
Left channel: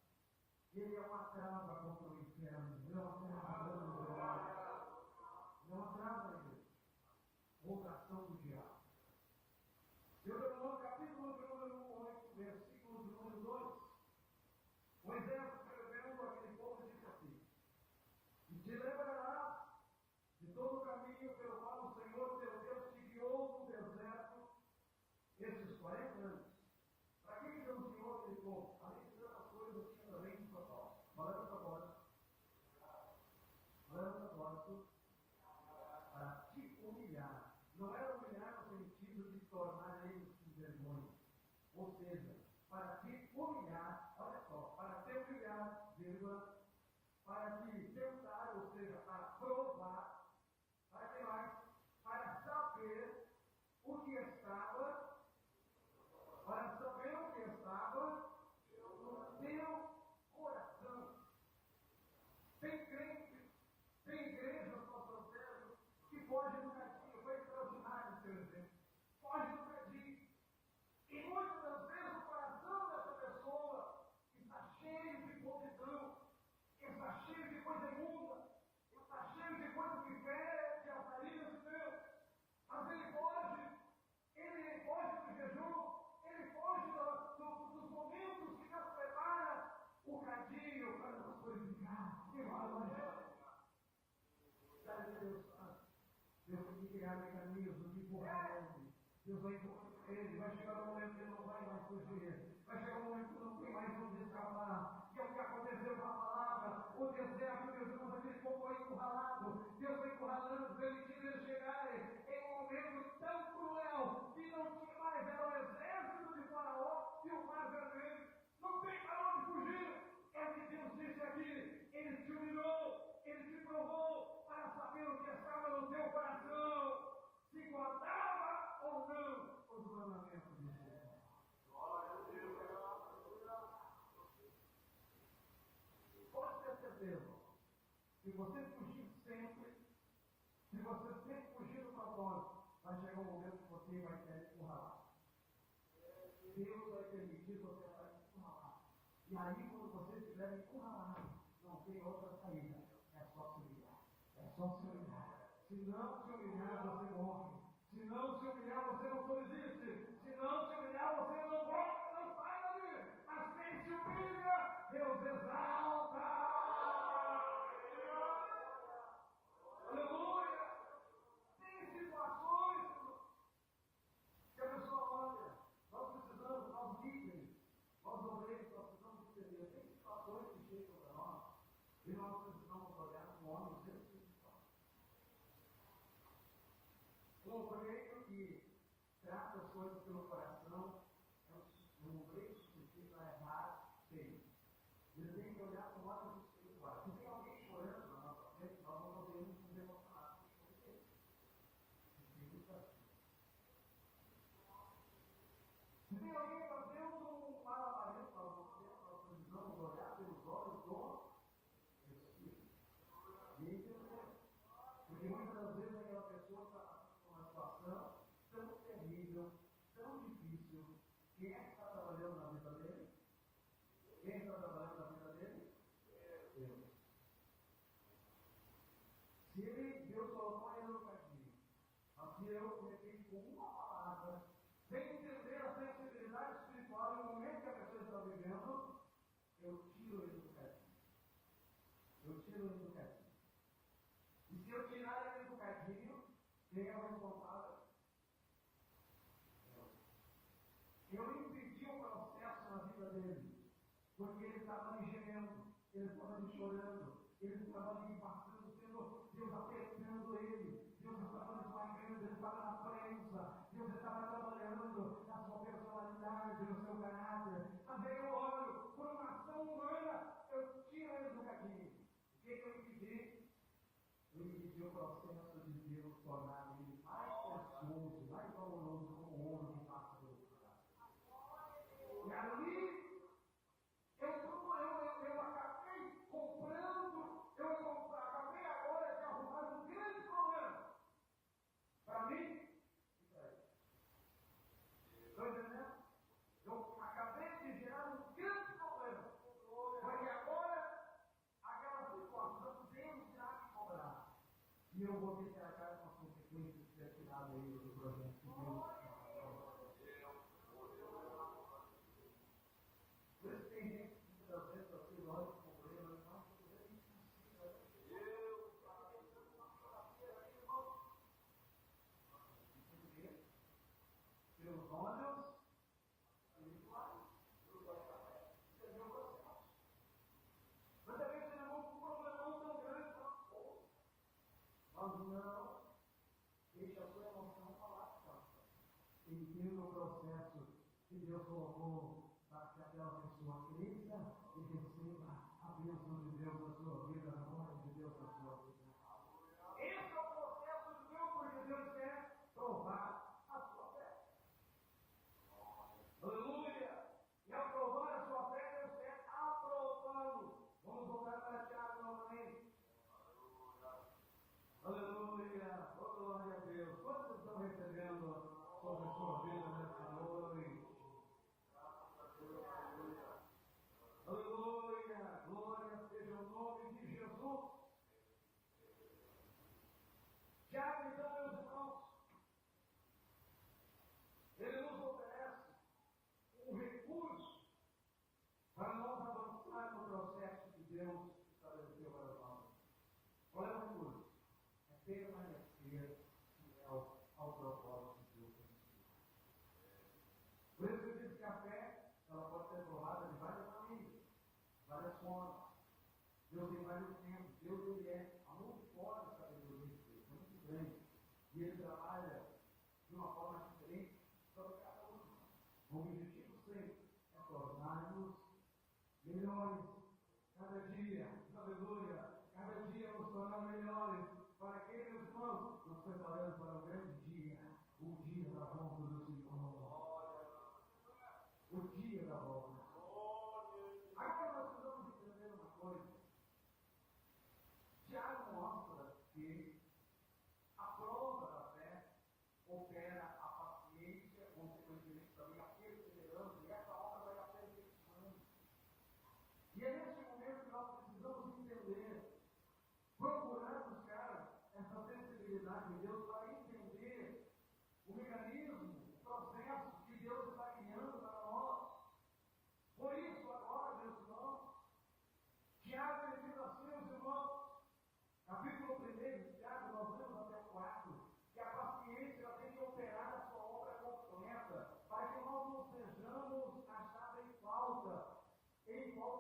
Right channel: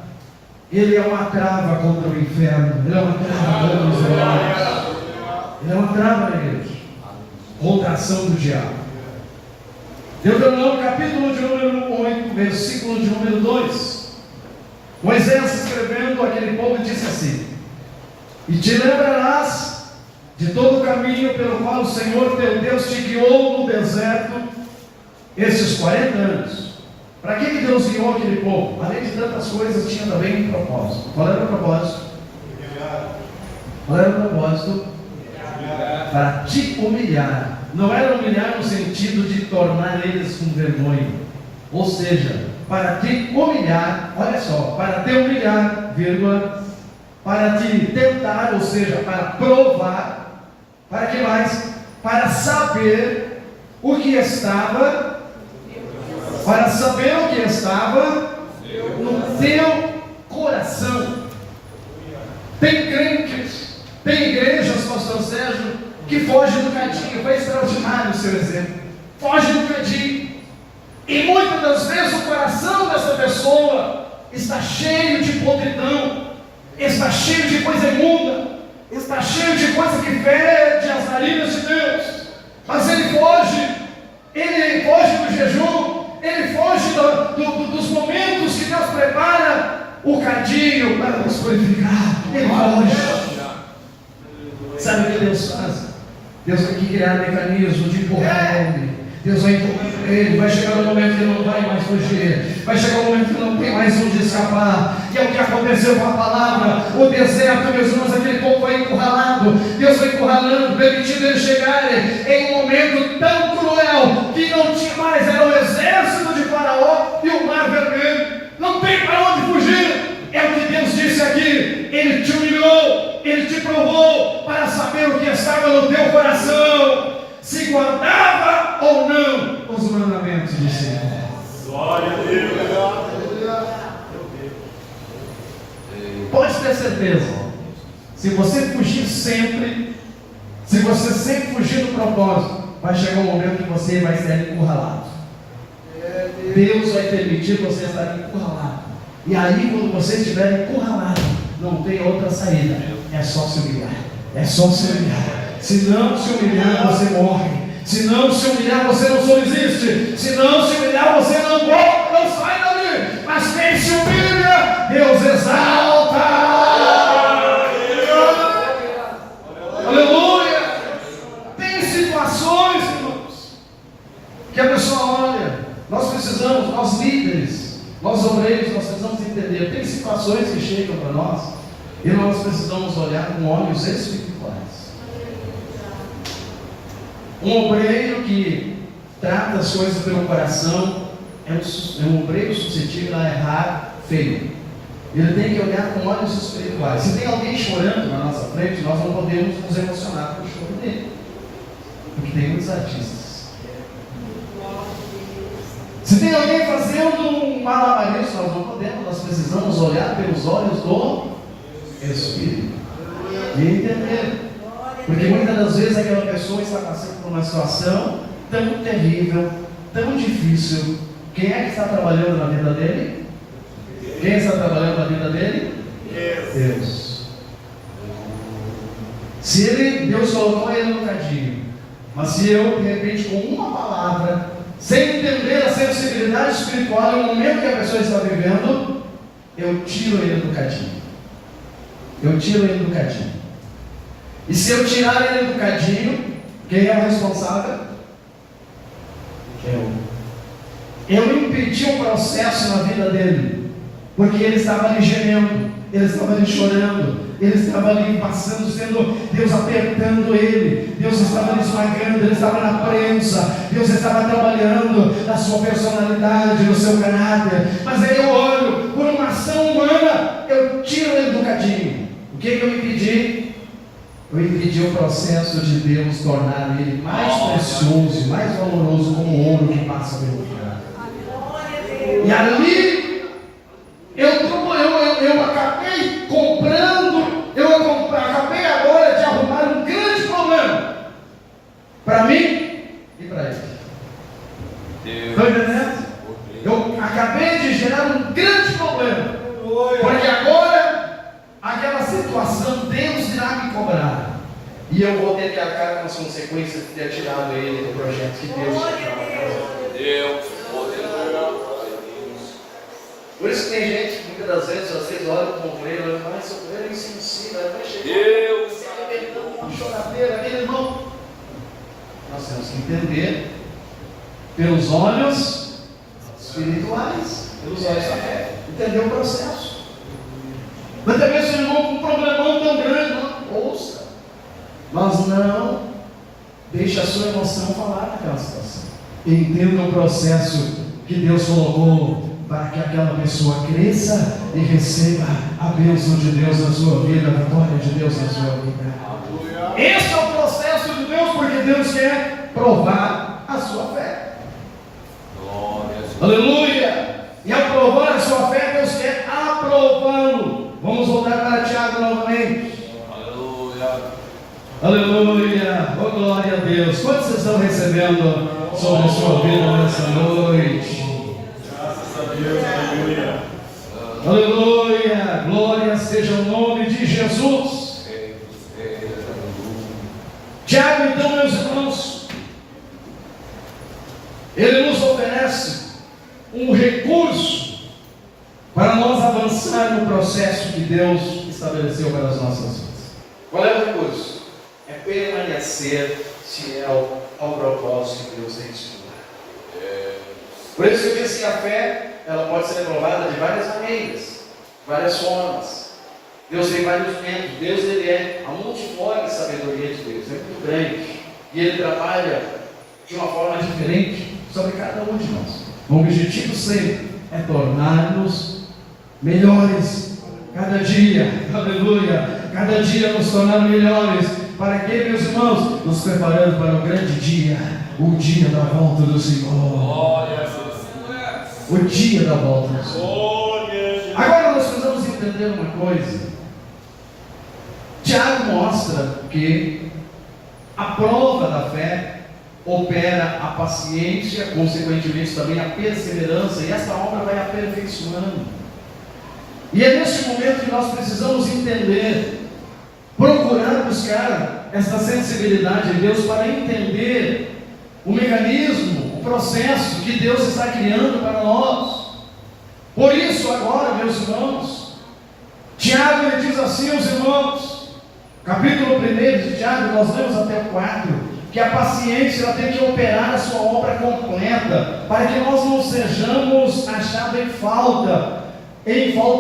ele é uma trava contra o inferno, ele é uma trava contra os demônios, ele é uma trava na igreja, contra a ação do diabo. Deuteronômio, capítulo de número 8, versículo de número 2. Moisés, escrevendo aquele povo, disse assim: e te lembrarás de todo o caminho pelo qual o Senhor teu Deus te guiou no deserto esses 40 anos. Para que Deus guiou aquele povo? Além de tantas coisas, tinha também um propósito. Qual era o propósito? Qual era o propósito? Para te humilhar. Não era humilhar no sentido de tornar eles com vergonha. Ou seja, para te humilhar, olha só, para te humilhar, vírgula, para te tentar, ou seja, para provar, para que mais? Para saber o que estava, no teu coração. Tem crentes, tem igrejas, pastor Sérgio, que fogem do cadinho. Foi extraordinário o seu exemplo. Foge do cadinho. E muitas das vezes o coração dessa pessoa está cheio de podridão, está cheio de coisa imunda, está cheio de coisa que fede as narinas de Deus. Mas ele foge do jejum, dos momentos que Deus prepara o cadinho para nos purificar. Ele foge. Sabe o que Deus faz? Deus tem que criar mecanismo de empurrar ele. Deus vai empurrar ele. Vai chegar um momento que ele não vai mais fugir. Vai chegar um momento que não tem mais onde escapar. E é o que aconteceu com a palavra. O deserto, meus irmãos, aquele povo foi encurralado. Deus foi encurralando, permitindo eles chegarem em um momento tão cruel que não tinha mais. Era o exército de Faraó e o mar vermelho. Não tem para onde fugir. É o que Deus disse aqui. Ele te humilhou, Ele te provou para saber o que estava no teu coração, se guardava ou não os mandamentos do Senhor. Glória a Deus. Pode ter certeza, se você fugir sempre, se você sempre fugir do propósito, vai chegar um momento que você vai ser encurralado. Deus vai permitir você estar encurralado. E aí, quando você estiver encurralado, não tem outra saída, é só se humilhar. É só se humilhar. Se não se humilhar, você morre. Se não se humilhar, você não subsiste. Se não se humilhar, você não volta, não sai dali. Mas quem se humilha, Deus exalta. Aleluia. Tem situações, irmãos, que a pessoa olha. Nós precisamos, nós líderes, nós obreiros, nós precisamos entender. Tem situações que chegam para nós e nós precisamos olhar com olhos espirituais. Um obreiro que trata as coisas pelo coração é um obreiro suscetível a errar feio. Ele tem que olhar com olhos espirituais. Se tem alguém chorando na nossa frente, nós não podemos nos emocionar com o choro dele, porque tem muitos artistas. Se tem alguém fazendo um malabarismo, nós não podemos, nós precisamos olhar pelos olhos do Espírito e entender. Porque muitas das vezes aquela pessoa está passando por uma situação tão terrível, tão difícil. Quem é que está trabalhando na vida dele? Quem está trabalhando na vida dele? Deus. Se Deus colocou ele no cadinho, mas se eu, de repente, com uma palavra, sem entender a sensibilidade espiritual e o momento que a pessoa está vivendo, eu tiro ele do cadinho. Eu tiro ele do cadinho. E se eu tirar ele do cadinho, quem é o responsável? Eu impedi um processo na vida dele, porque ele estava ali gemendo, ele estava ali chorando, ele estava ali passando, sendo Deus apertando ele, Deus estava ali esmagando, ele estava na prensa, Deus estava trabalhando na sua personalidade, no seu caráter. Mas aí eu olho, por uma ação humana, eu tiro ele do cadinho. O que eu impedi? Eu impedi o processo de Deus tornar ele mais precioso, mais valoroso, como o ouro que passa pelo fogo. E ali, eu acabei comprando, acabei agora de arrumar um grande problema para mim e para ele. Estão entendendo? Eu acabei de gerar um grande problema, porque agora aquela situação Deus irá me cobrar. E eu vou ter que arcar com as consequências de ter tirado ele do projeto que Deus tinha para Deus, Por isso que tem gente que muitas das vezes vocês olham para o obreiro e falam, esse obreiro é insensível, vai chegar. Deus, uma choradeira, aquele irmão. Nós temos que entender pelos olhos espirituais, pelos olhos da fé, entender o processo. Mas também se o irmão com um problemão tão grande, não ouça. Mas não deixe a sua emoção falar naquela situação. Entenda o processo que Deus colocou para que aquela pessoa cresça e receba a bênção de Deus na sua vida, a vitória de Deus na sua vida. Esse é o processo de Deus, porque Deus quer provar a sua fé. Aleluia! E ao provar a sua fé, Deus quer aprová-lo. Vamos voltar para Tiago novamente. Aleluia, oh glória a Deus. Quantos vocês estão recebendo sobre a sua vida nessa noite? Graças a Deus, aleluia. Aleluia, glória seja o nome de Jesus. Tiago, então, meus irmãos, ele nos oferece um recurso para nós avançar no processo que Deus estabeleceu para as nossas vidas. Qual é o recurso? É permanecer fiel ao propósito que Deus tem estipulado. Por isso eu disse que a fé, ela pode ser provada de várias maneiras, várias formas. Deus tem vários métodos. Deus, ele é a multiforme sabedoria de Deus, é muito grande. E ele trabalha de uma forma diferente sobre cada um de nós. O objetivo sempre é tornar-nos melhores cada dia, aleluia, cada dia nos tornar melhores, para que, meus irmãos, nos preparando para o grande dia, o dia da volta do Senhor, o dia da volta do Senhor. Agora nós precisamos entender uma coisa. Tiago mostra que a prova da fé opera a paciência, consequentemente também a perseverança, e essa obra vai aperfeiçoando. E é neste momento que nós precisamos entender, procurar buscar essa sensibilidade de Deus para entender o mecanismo, o processo que Deus está criando para nós. Por isso agora, meus irmãos, Tiago ele diz assim aos irmãos, capítulo 1 de Tiago, nós lemos até o 4, que a paciência ela tem que operar a sua obra completa, para que nós não sejamos achados em falta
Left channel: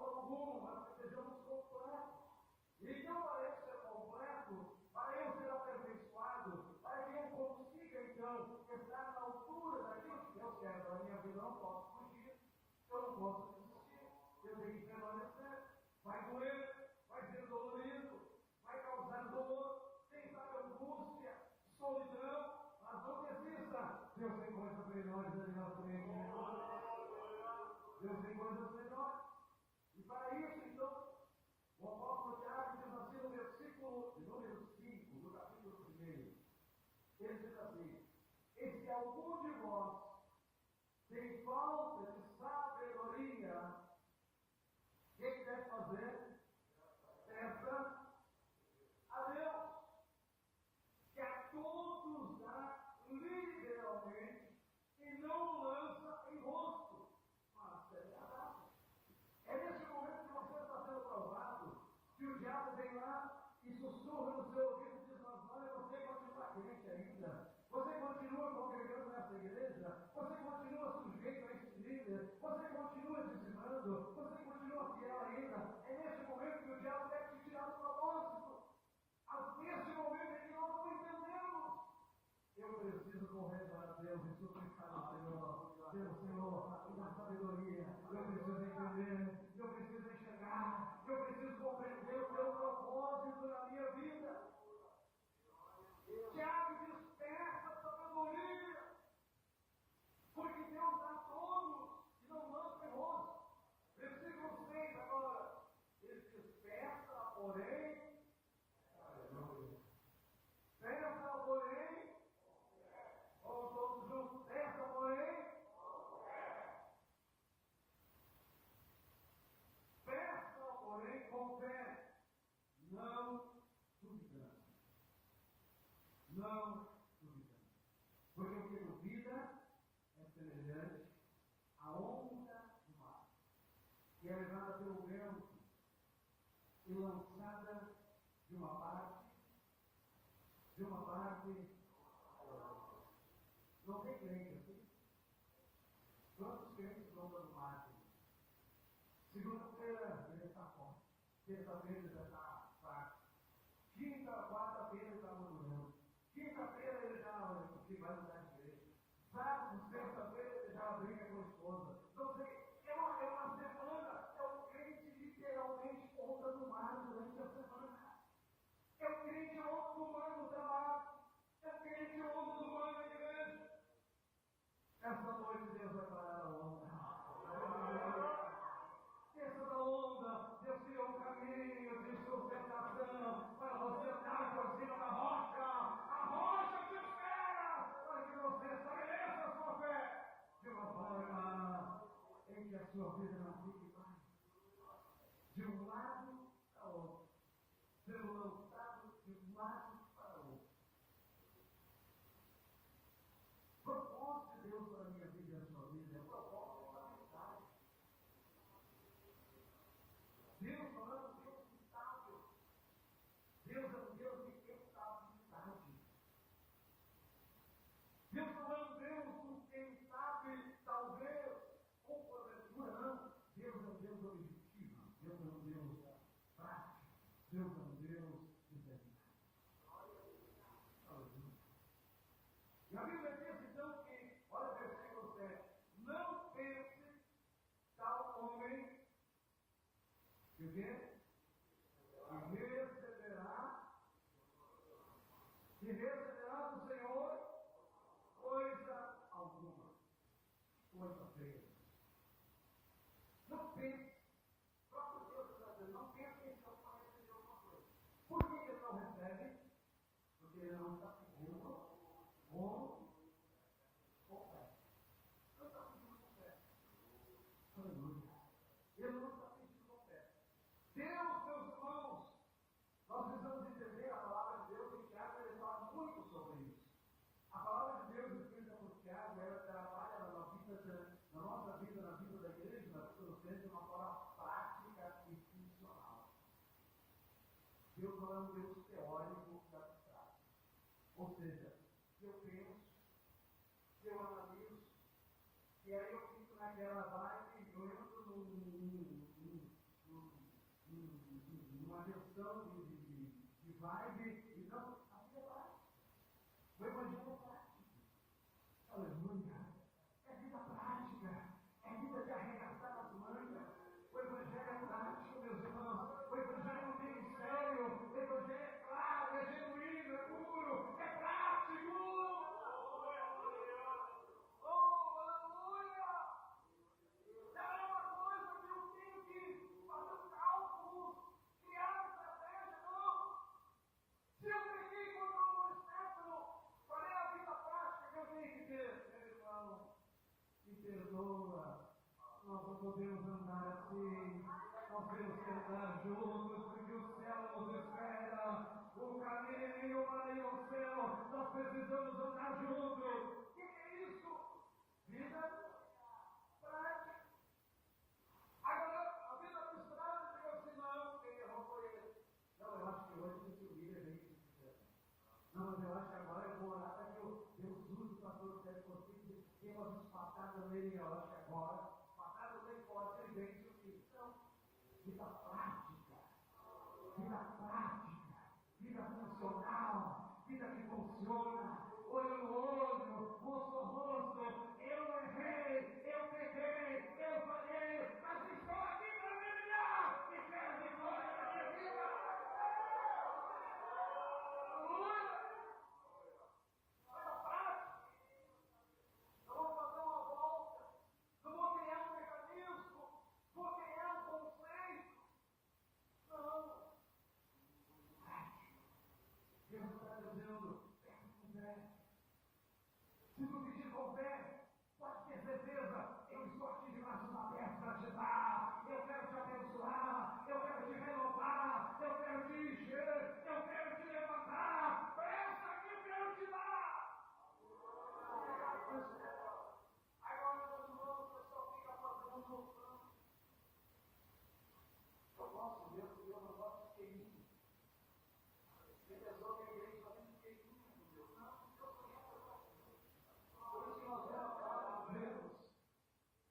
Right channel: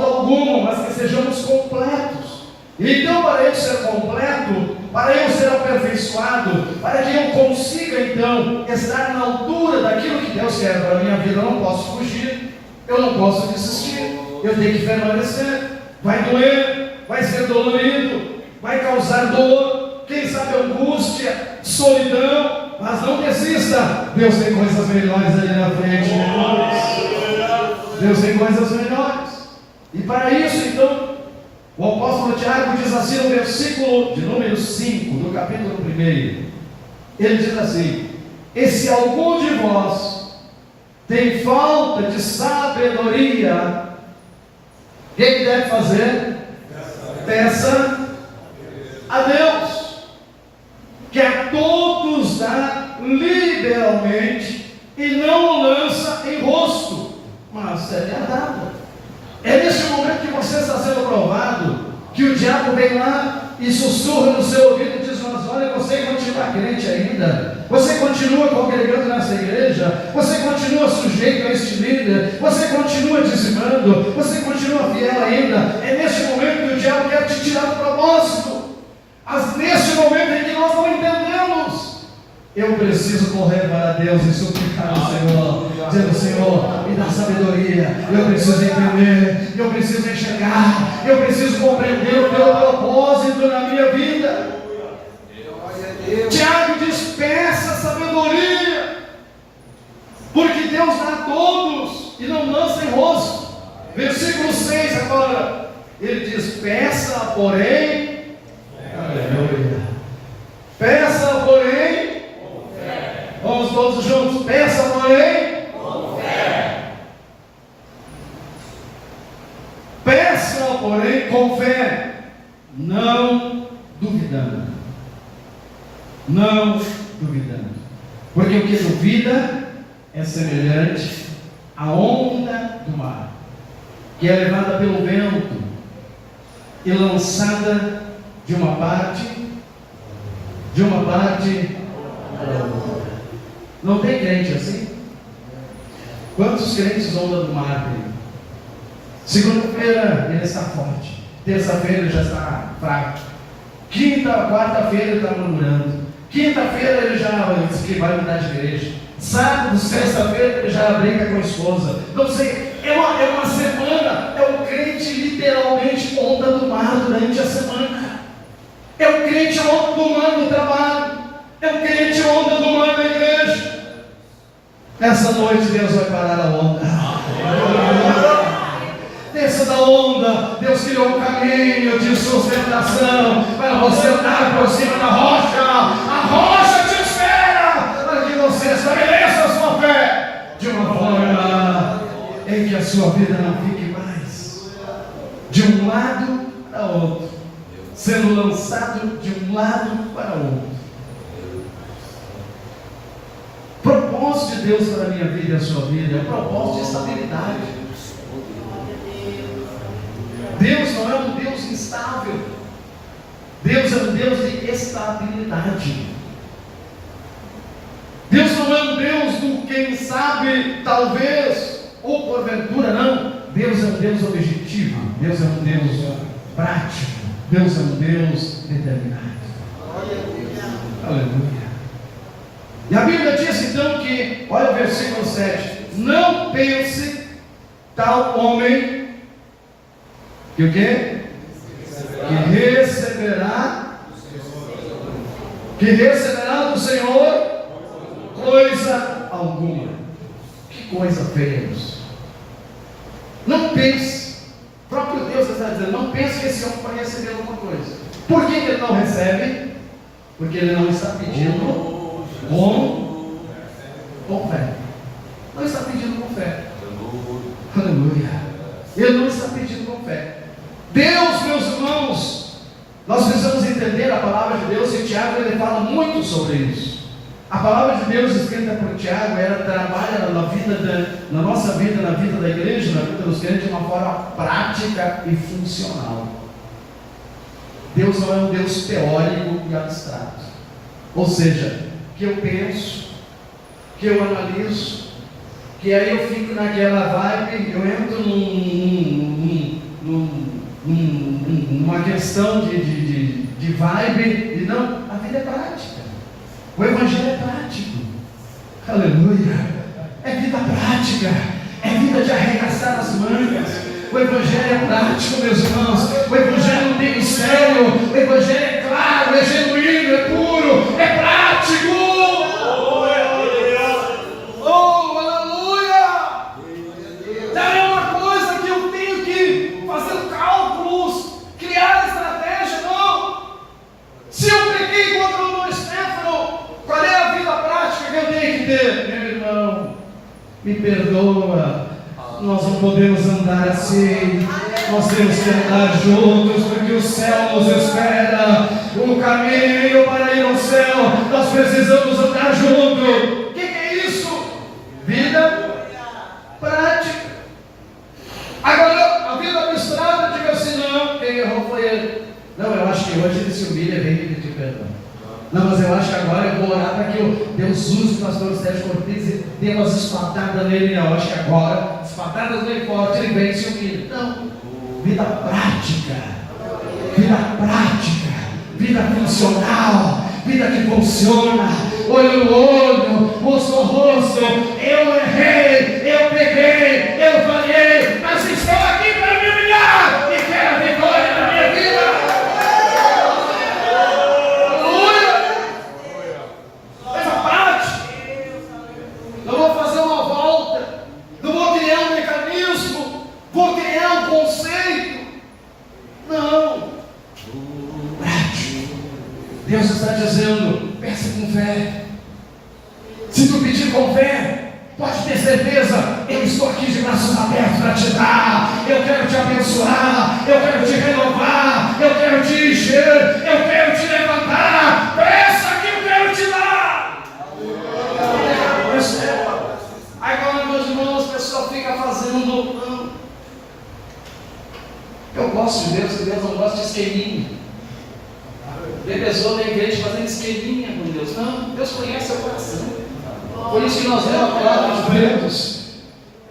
alguma, mas que sejamos completos. Então, para eu ser completo, para eu ser aperfeiçoado, para que eu consiga então estar na altura daquilo que Deus quer para a minha vida, eu não posso fugir, eu não posso desistir, eu tenho que permanecer. Vai doer, vai ser dolorido, vai causar dor, quem sabe angústia, solidão, mas não desista. Deus tem coisas melhores ali na frente, Deus tem coisas melhores. E para isso, então, o apóstolo Tiago diz assim no versículo de número 5, do capítulo 1, ele diz assim: e se algum de vós tem falta de sabedoria, o que ele deve fazer? Peça a Deus, que a todos dá liberalmente e não lança em rosto, mas é dada. É nesse momento que você está sendo provado, que o diabo vem lá e sussurra no seu ouvido e diz: mas olha, você continua crente ainda, você continua congregando nessa igreja, você continua sujeito a este líder, você continua dizimando, você continua fiel ainda. É neste momento que o diabo quer te tirar do propósito. Mas neste momento em que nós não entendemos, eu preciso correr para Deus e suplicar ao Senhor, dizendo: Senhor, me dá sabedoria, eu preciso entender, eu preciso enxergar, eu preciso compreender o teu propósito na minha vida. Tiago diz: peça sabedoria, porque Deus dá a todos e não lança em rosto. Versículo 6 agora, ele diz: peça, porém, aleluia, peça, porém, vamos todos juntos, peça, porém, com fé. Peça, porém, com fé, não duvidando. Não duvidando. Porque o que duvida é semelhante à onda do mar, que é levada pelo vento e lançada de uma parte para outra. Não tem crente assim? Quantos crentes onda do mar tem? Segunda-feira ele está forte, terça-feira ele já está fraco, quarta-feira ele está murmurando, quinta-feira ele já diz que vai mudar de igreja, sábado, sexta-feira ele já brinca com a esposa. Não sei, é uma semana, é o crente literalmente onda do mar durante a semana, é o crente onda do mar no trabalho, é o crente onda do mar na igreja. Nessa noite Deus vai parar a onda. Desça da onda. Deus criou um caminho de sustentação para você andar por cima da rocha. A rocha te espera para que você estabeleça a sua fé de uma forma em que a sua vida não fique mais de um lado para outro, sendo lançado de um lado para outro. propósito de Deus para a minha vida e a sua vida é um propósito de estabilidade. Deus não é um Deus instável. Deus é um Deus de estabilidade. Deus não é um Deus do quem sabe, talvez, ou porventura, não. Deus é um Deus objetivo. Deus é um Deus prático. Deus é um Deus determinado. Aleluia. E a Bíblia diz então que, olha o versículo 7: não pense tal homem que o quê? Que receberá do Senhor coisa alguma. Que coisa feia isso. Não pense, o próprio Deus está dizendo, não pense que esse homem vai receber alguma coisa. Por que ele não recebe? Porque ele não está pedindo com fé. Não está pedindo com fé. Aleluia. Ele não está pedindo com fé. Deus, meus irmãos, nós precisamos entender a palavra de Deus, e Tiago ele fala muito sobre isso. A palavra de Deus escrita por Tiago, ela trabalha na nossa vida, na vida da igreja, na vida dos crentes, de uma forma prática e funcional. Deus não é um Deus teórico e abstrato. Ou seja, que eu penso, que eu analiso, que aí eu fico naquela vibe, eu entro numa questão de vibe, e não, a vida é prática. O Evangelho é prático. Aleluia. É vida prática. É vida de arregaçar as mangas. O Evangelho é prático, meus irmãos. O Evangelho não tem mistério. O Evangelho é claro, é genuíno, é puro, é prático. Oh, aleluia. Não é uma coisa que eu tenho que fazer cálculos, criar estratégia, não. Se eu peguei contra o meu Stefano, qual é a vida prática que eu tenho que ter? Meu irmão, me perdoa, nós não podemos andar assim, nós temos que andar juntos, porque o céu nos espera, o caminho para ir ao céu, nós precisamos andar juntos. O que é isso? Vida prática. Agora, a vida misturada, diga assim, não, quem errou foi ele. Não, eu acho que hoje ele se humilha e vem me pedir perdão. Não, mas eu acho que agora eu vou orar para que Deus use o pastor Sérgio Cortez e dê umas espadadas nele. Não, eu acho que agora, espadadas nele forte, ele vem e se humilha. Não, vida prática, vida funcional, vida que funciona, olho no olho, rosto no rosto. Eu errei, eu peguei, eu falhei, mas estou aqui para me humilhar e quero a vitória na minha vida. Vou criar um conceito. Não. Prático. Deus está dizendo, peça com fé. Se tu pedir com fé, pode ter certeza, eu estou aqui de braços abertos para te dar. Eu quero te abençoar, eu quero te renovar, eu quero te encher, eu quero te levantar. Peça que eu quero te dar. Agora, meus irmãos, o pessoal fica fazendo. Eu gosto de Deus, e Deus não gosta de esqueminha. Tem pessoa na igreja fazendo esqueminha com Deus. Não, Deus conhece o coração. Por isso que nós lemos a palavra de Deus.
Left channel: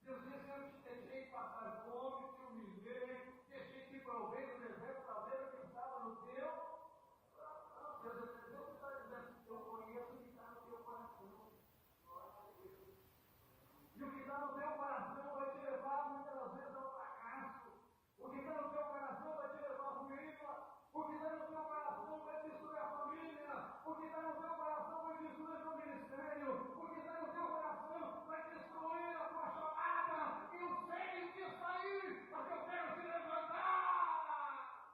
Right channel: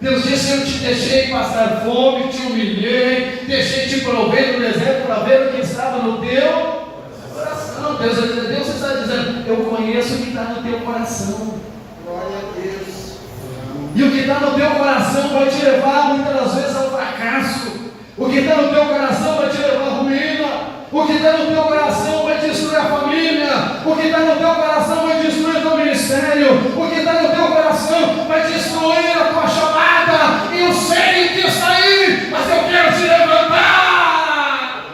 Deus disse, eu te deixei passar fome, te humilhei, deixei te prover no deserto para ver o que estava no teu coração. Deus está dizendo, eu conheço o que está no teu coração. Glória a Deus. E o que está no teu coração vai te levar muitas das vezes ao fracasso. O que está no teu coração vai te levar à ruína. O que está no teu coração vai destruir a família. O que está no teu coração vai destruir o teu ministério. O que está no teu coração vai destruir a tua chamada. E eu sei que está aí, mas eu quero te levantar.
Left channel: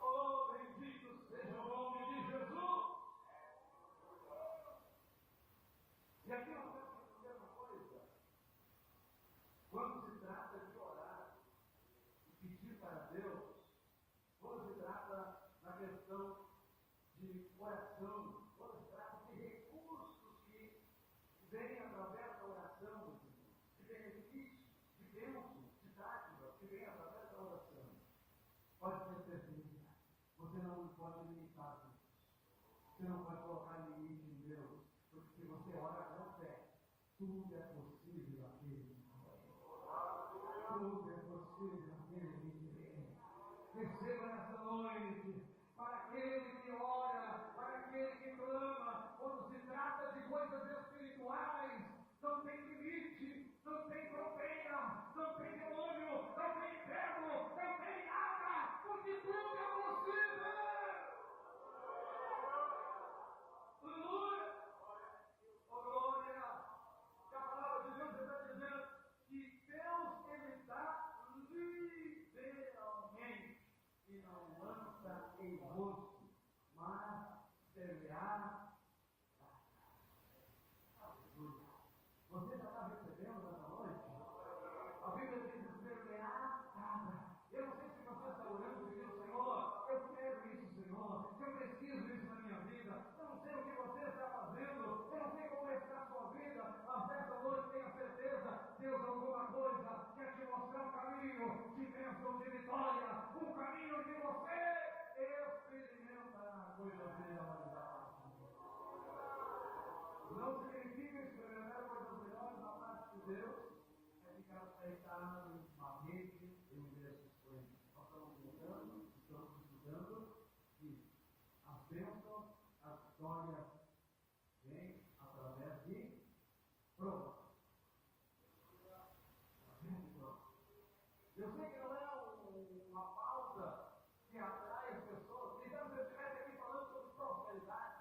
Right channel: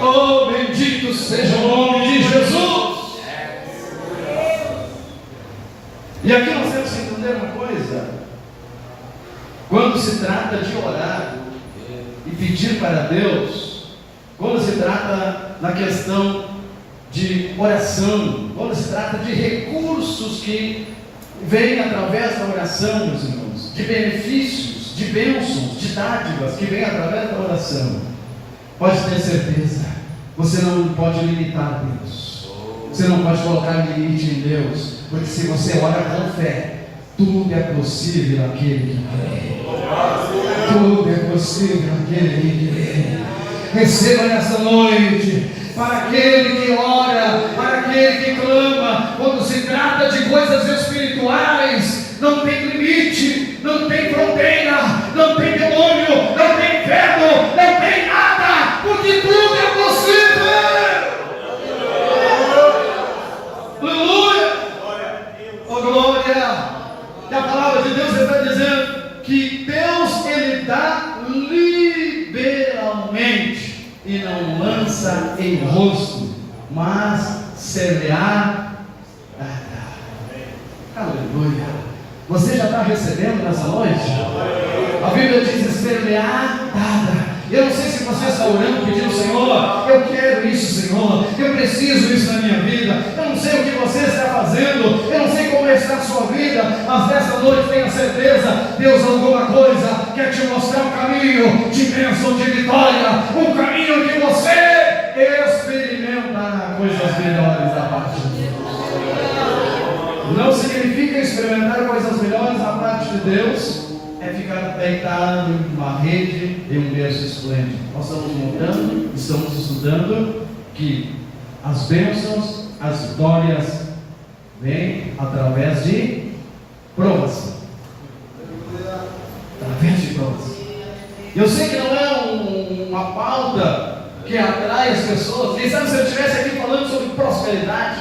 Oh, bendito seja o nome de Jesus. E aqui nós temos que entender uma coisa. Quando se trata de orar e pedir para Deus, quando se trata na questão de oração, quando se trata de recursos que vêm através da oração, meus irmãos, de benefícios, de bênçãos, de dádivas que vêm através da oração, pode ter certeza, você não pode limitar Deus, você não pode colocar limite em Deus, porque se você ora com fé, tudo é possível naquele que crê. Tudo é possível naquele que crê. Receba nessa noite, para aquele que ora, para aquele que clama, quando se trata de coisas espirituais, não tem limite, não tem fronteira, não tem demônio, não tem inferno, não tem nada, porque tudo é possível. Aleluia! Oh glória! E a palavra de Deus está dizendo que Deus, Ele dá liberalmente e não lança em rosto, mas semear. Aleluia! Você já está recebendo nessa noite? A Bíblia diz semear nada. Eu não sei se você está orando, pedindo, Senhor, eu quero isso, Senhor, eu preciso isso na minha vida. Eu não sei o que você está fazendo, eu não sei como está a sua vida, mas nessa noite tenha certeza, Deus alguma coisa quer te mostrar um caminho de bênção, de vitória, um caminho que você experimentará coisas melhores da parte de Deus. Não significa experimentar coisas melhores da parte de Deus é ficar deitado em uma rede, em um berço esplêndido. Nós estamos montando, estamos estudando que as bênçãos, as vitórias vêm através de provas. Através de provas. Eu sei que não é uma pauta que atrai as pessoas. Quem sabe se eu estivesse aqui falando sobre prosperidade,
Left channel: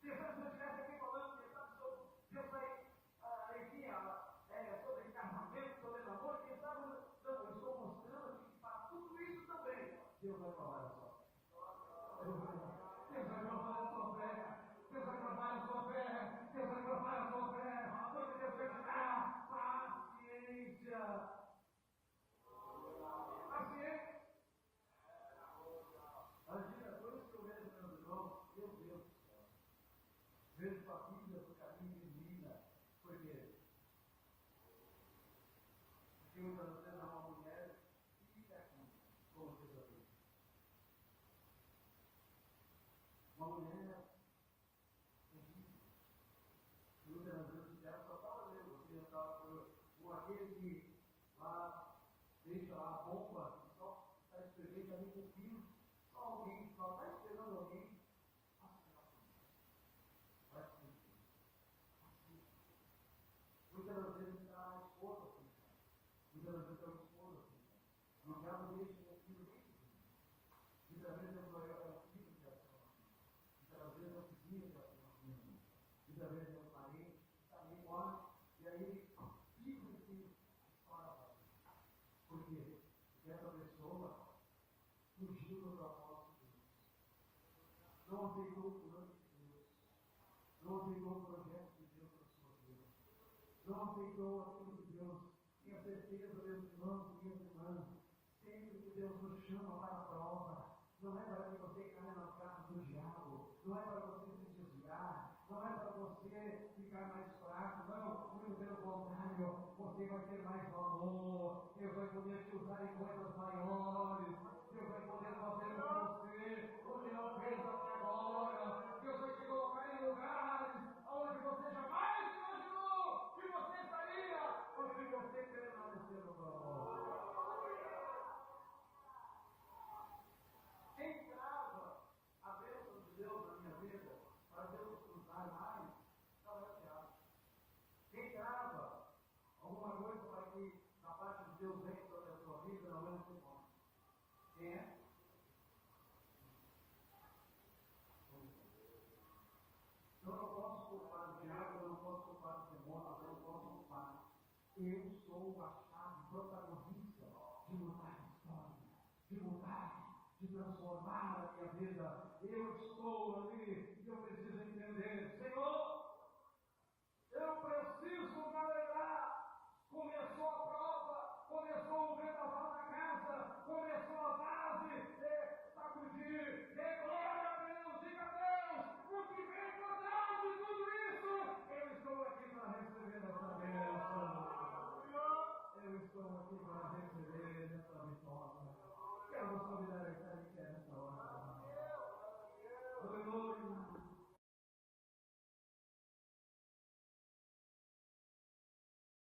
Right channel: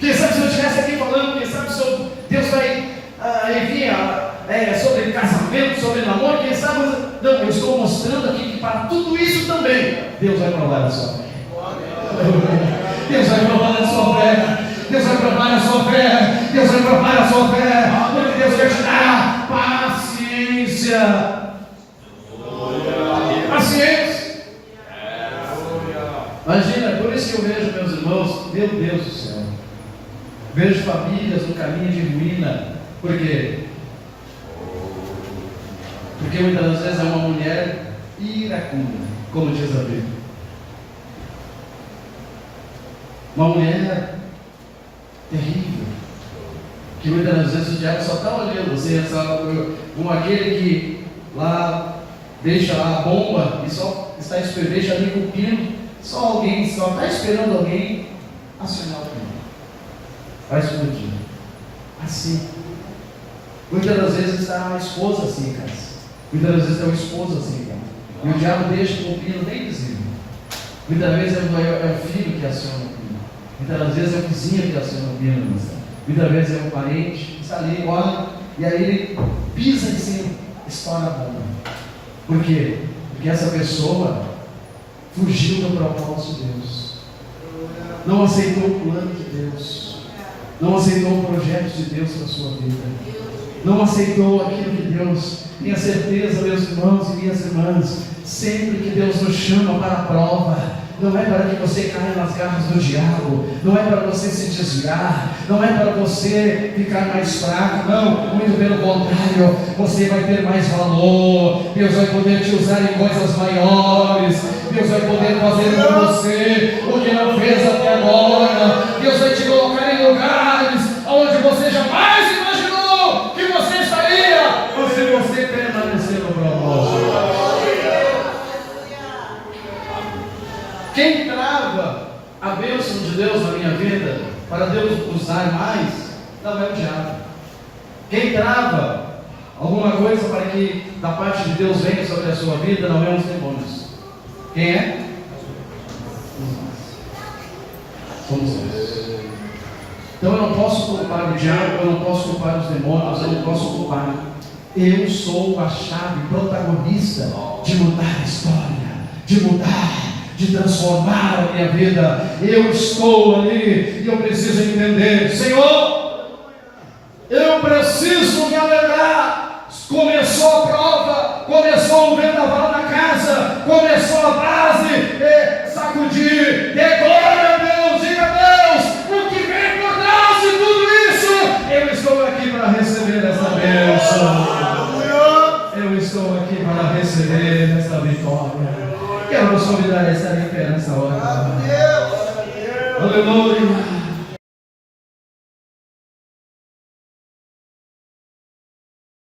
quem sabe se eu estivesse aqui falando, quem sabe sobre Deus vai enviar sobre casamento, sobre namoro, quem sabe, não, eu estou mostrando aqui que para tudo isso também, Deus vai provar a sua fé. Deus vai provar a sua fé. Deus vai provar a sua fé. Deus vai provar a sua fé. Porque Deus quer te dar paciência. Paciência. Imagina, por isso que eu vejo, meus irmãos, meu Deus do céu, vejo famílias no caminho de ruína. Por quê? Porque muitas das vezes é uma mulher iracunda, como diz a Bíblia. Uma mulher terrível, que muitas das vezes o diabo só está olhando. Você é como aquele que lá deixa lá a bomba e só está esperando, deixa ali com o pino, só está esperando alguém acionar o pino. Vai explodir. Assim. Muitas das vezes está a esposa assim, cara. Muitas das vezes é o esposo assim, cara. E o diabo deixa com o pino bem visível. Muitas vezes é o filho que aciona o pino. Muitas das vezes é o vizinho que aciona o pino. Muitas vezes é o parente que está ali, olha, e aí ele pisa em cima, estoura a bomba. Por quê? Porque essa pessoa fugiu do propósito de Deus. Não aceitou o plano de Deus. Não aceitou o projeto de Deus para a sua vida. Não aceitou aquilo que Deus. Tenha certeza, meus irmãos e minhas irmãs, sempre que Deus nos chama para a prova, não é para que você caia nas garras do diabo, não é para você se desviar, não é para você ficar mais fraco, não, muito pelo contrário, você vai ter mais valor, Deus vai poder te usar em coisas maiores, Deus vai poder fazer com você o que não fez até agora, Deus vai te colocar em lugares onde você jamais imaginou que você estaria, se você permanecer no propósito. Quem trava a bênção de Deus na minha vida, para Deus usar mais, não é o diabo. Quem trava alguma coisa para que da parte de Deus venha sobre a sua vida, não é os demônios. Quem é? Somos nós. Então eu não posso culpar o diabo, eu não posso culpar os demônios, eu não posso culpar. Eu sou a chave protagonista de mudar a história, de mudar, de transformar a minha vida. Eu estou ali e eu preciso entender, Senhor, eu preciso me alegrar. Começou a prova, começou o vendaval na casa, começou a base, sacudir, glória a Deus, diga a Deus, o que vem por Quero vos convidar a estar em pé nessa hora. Aleluia.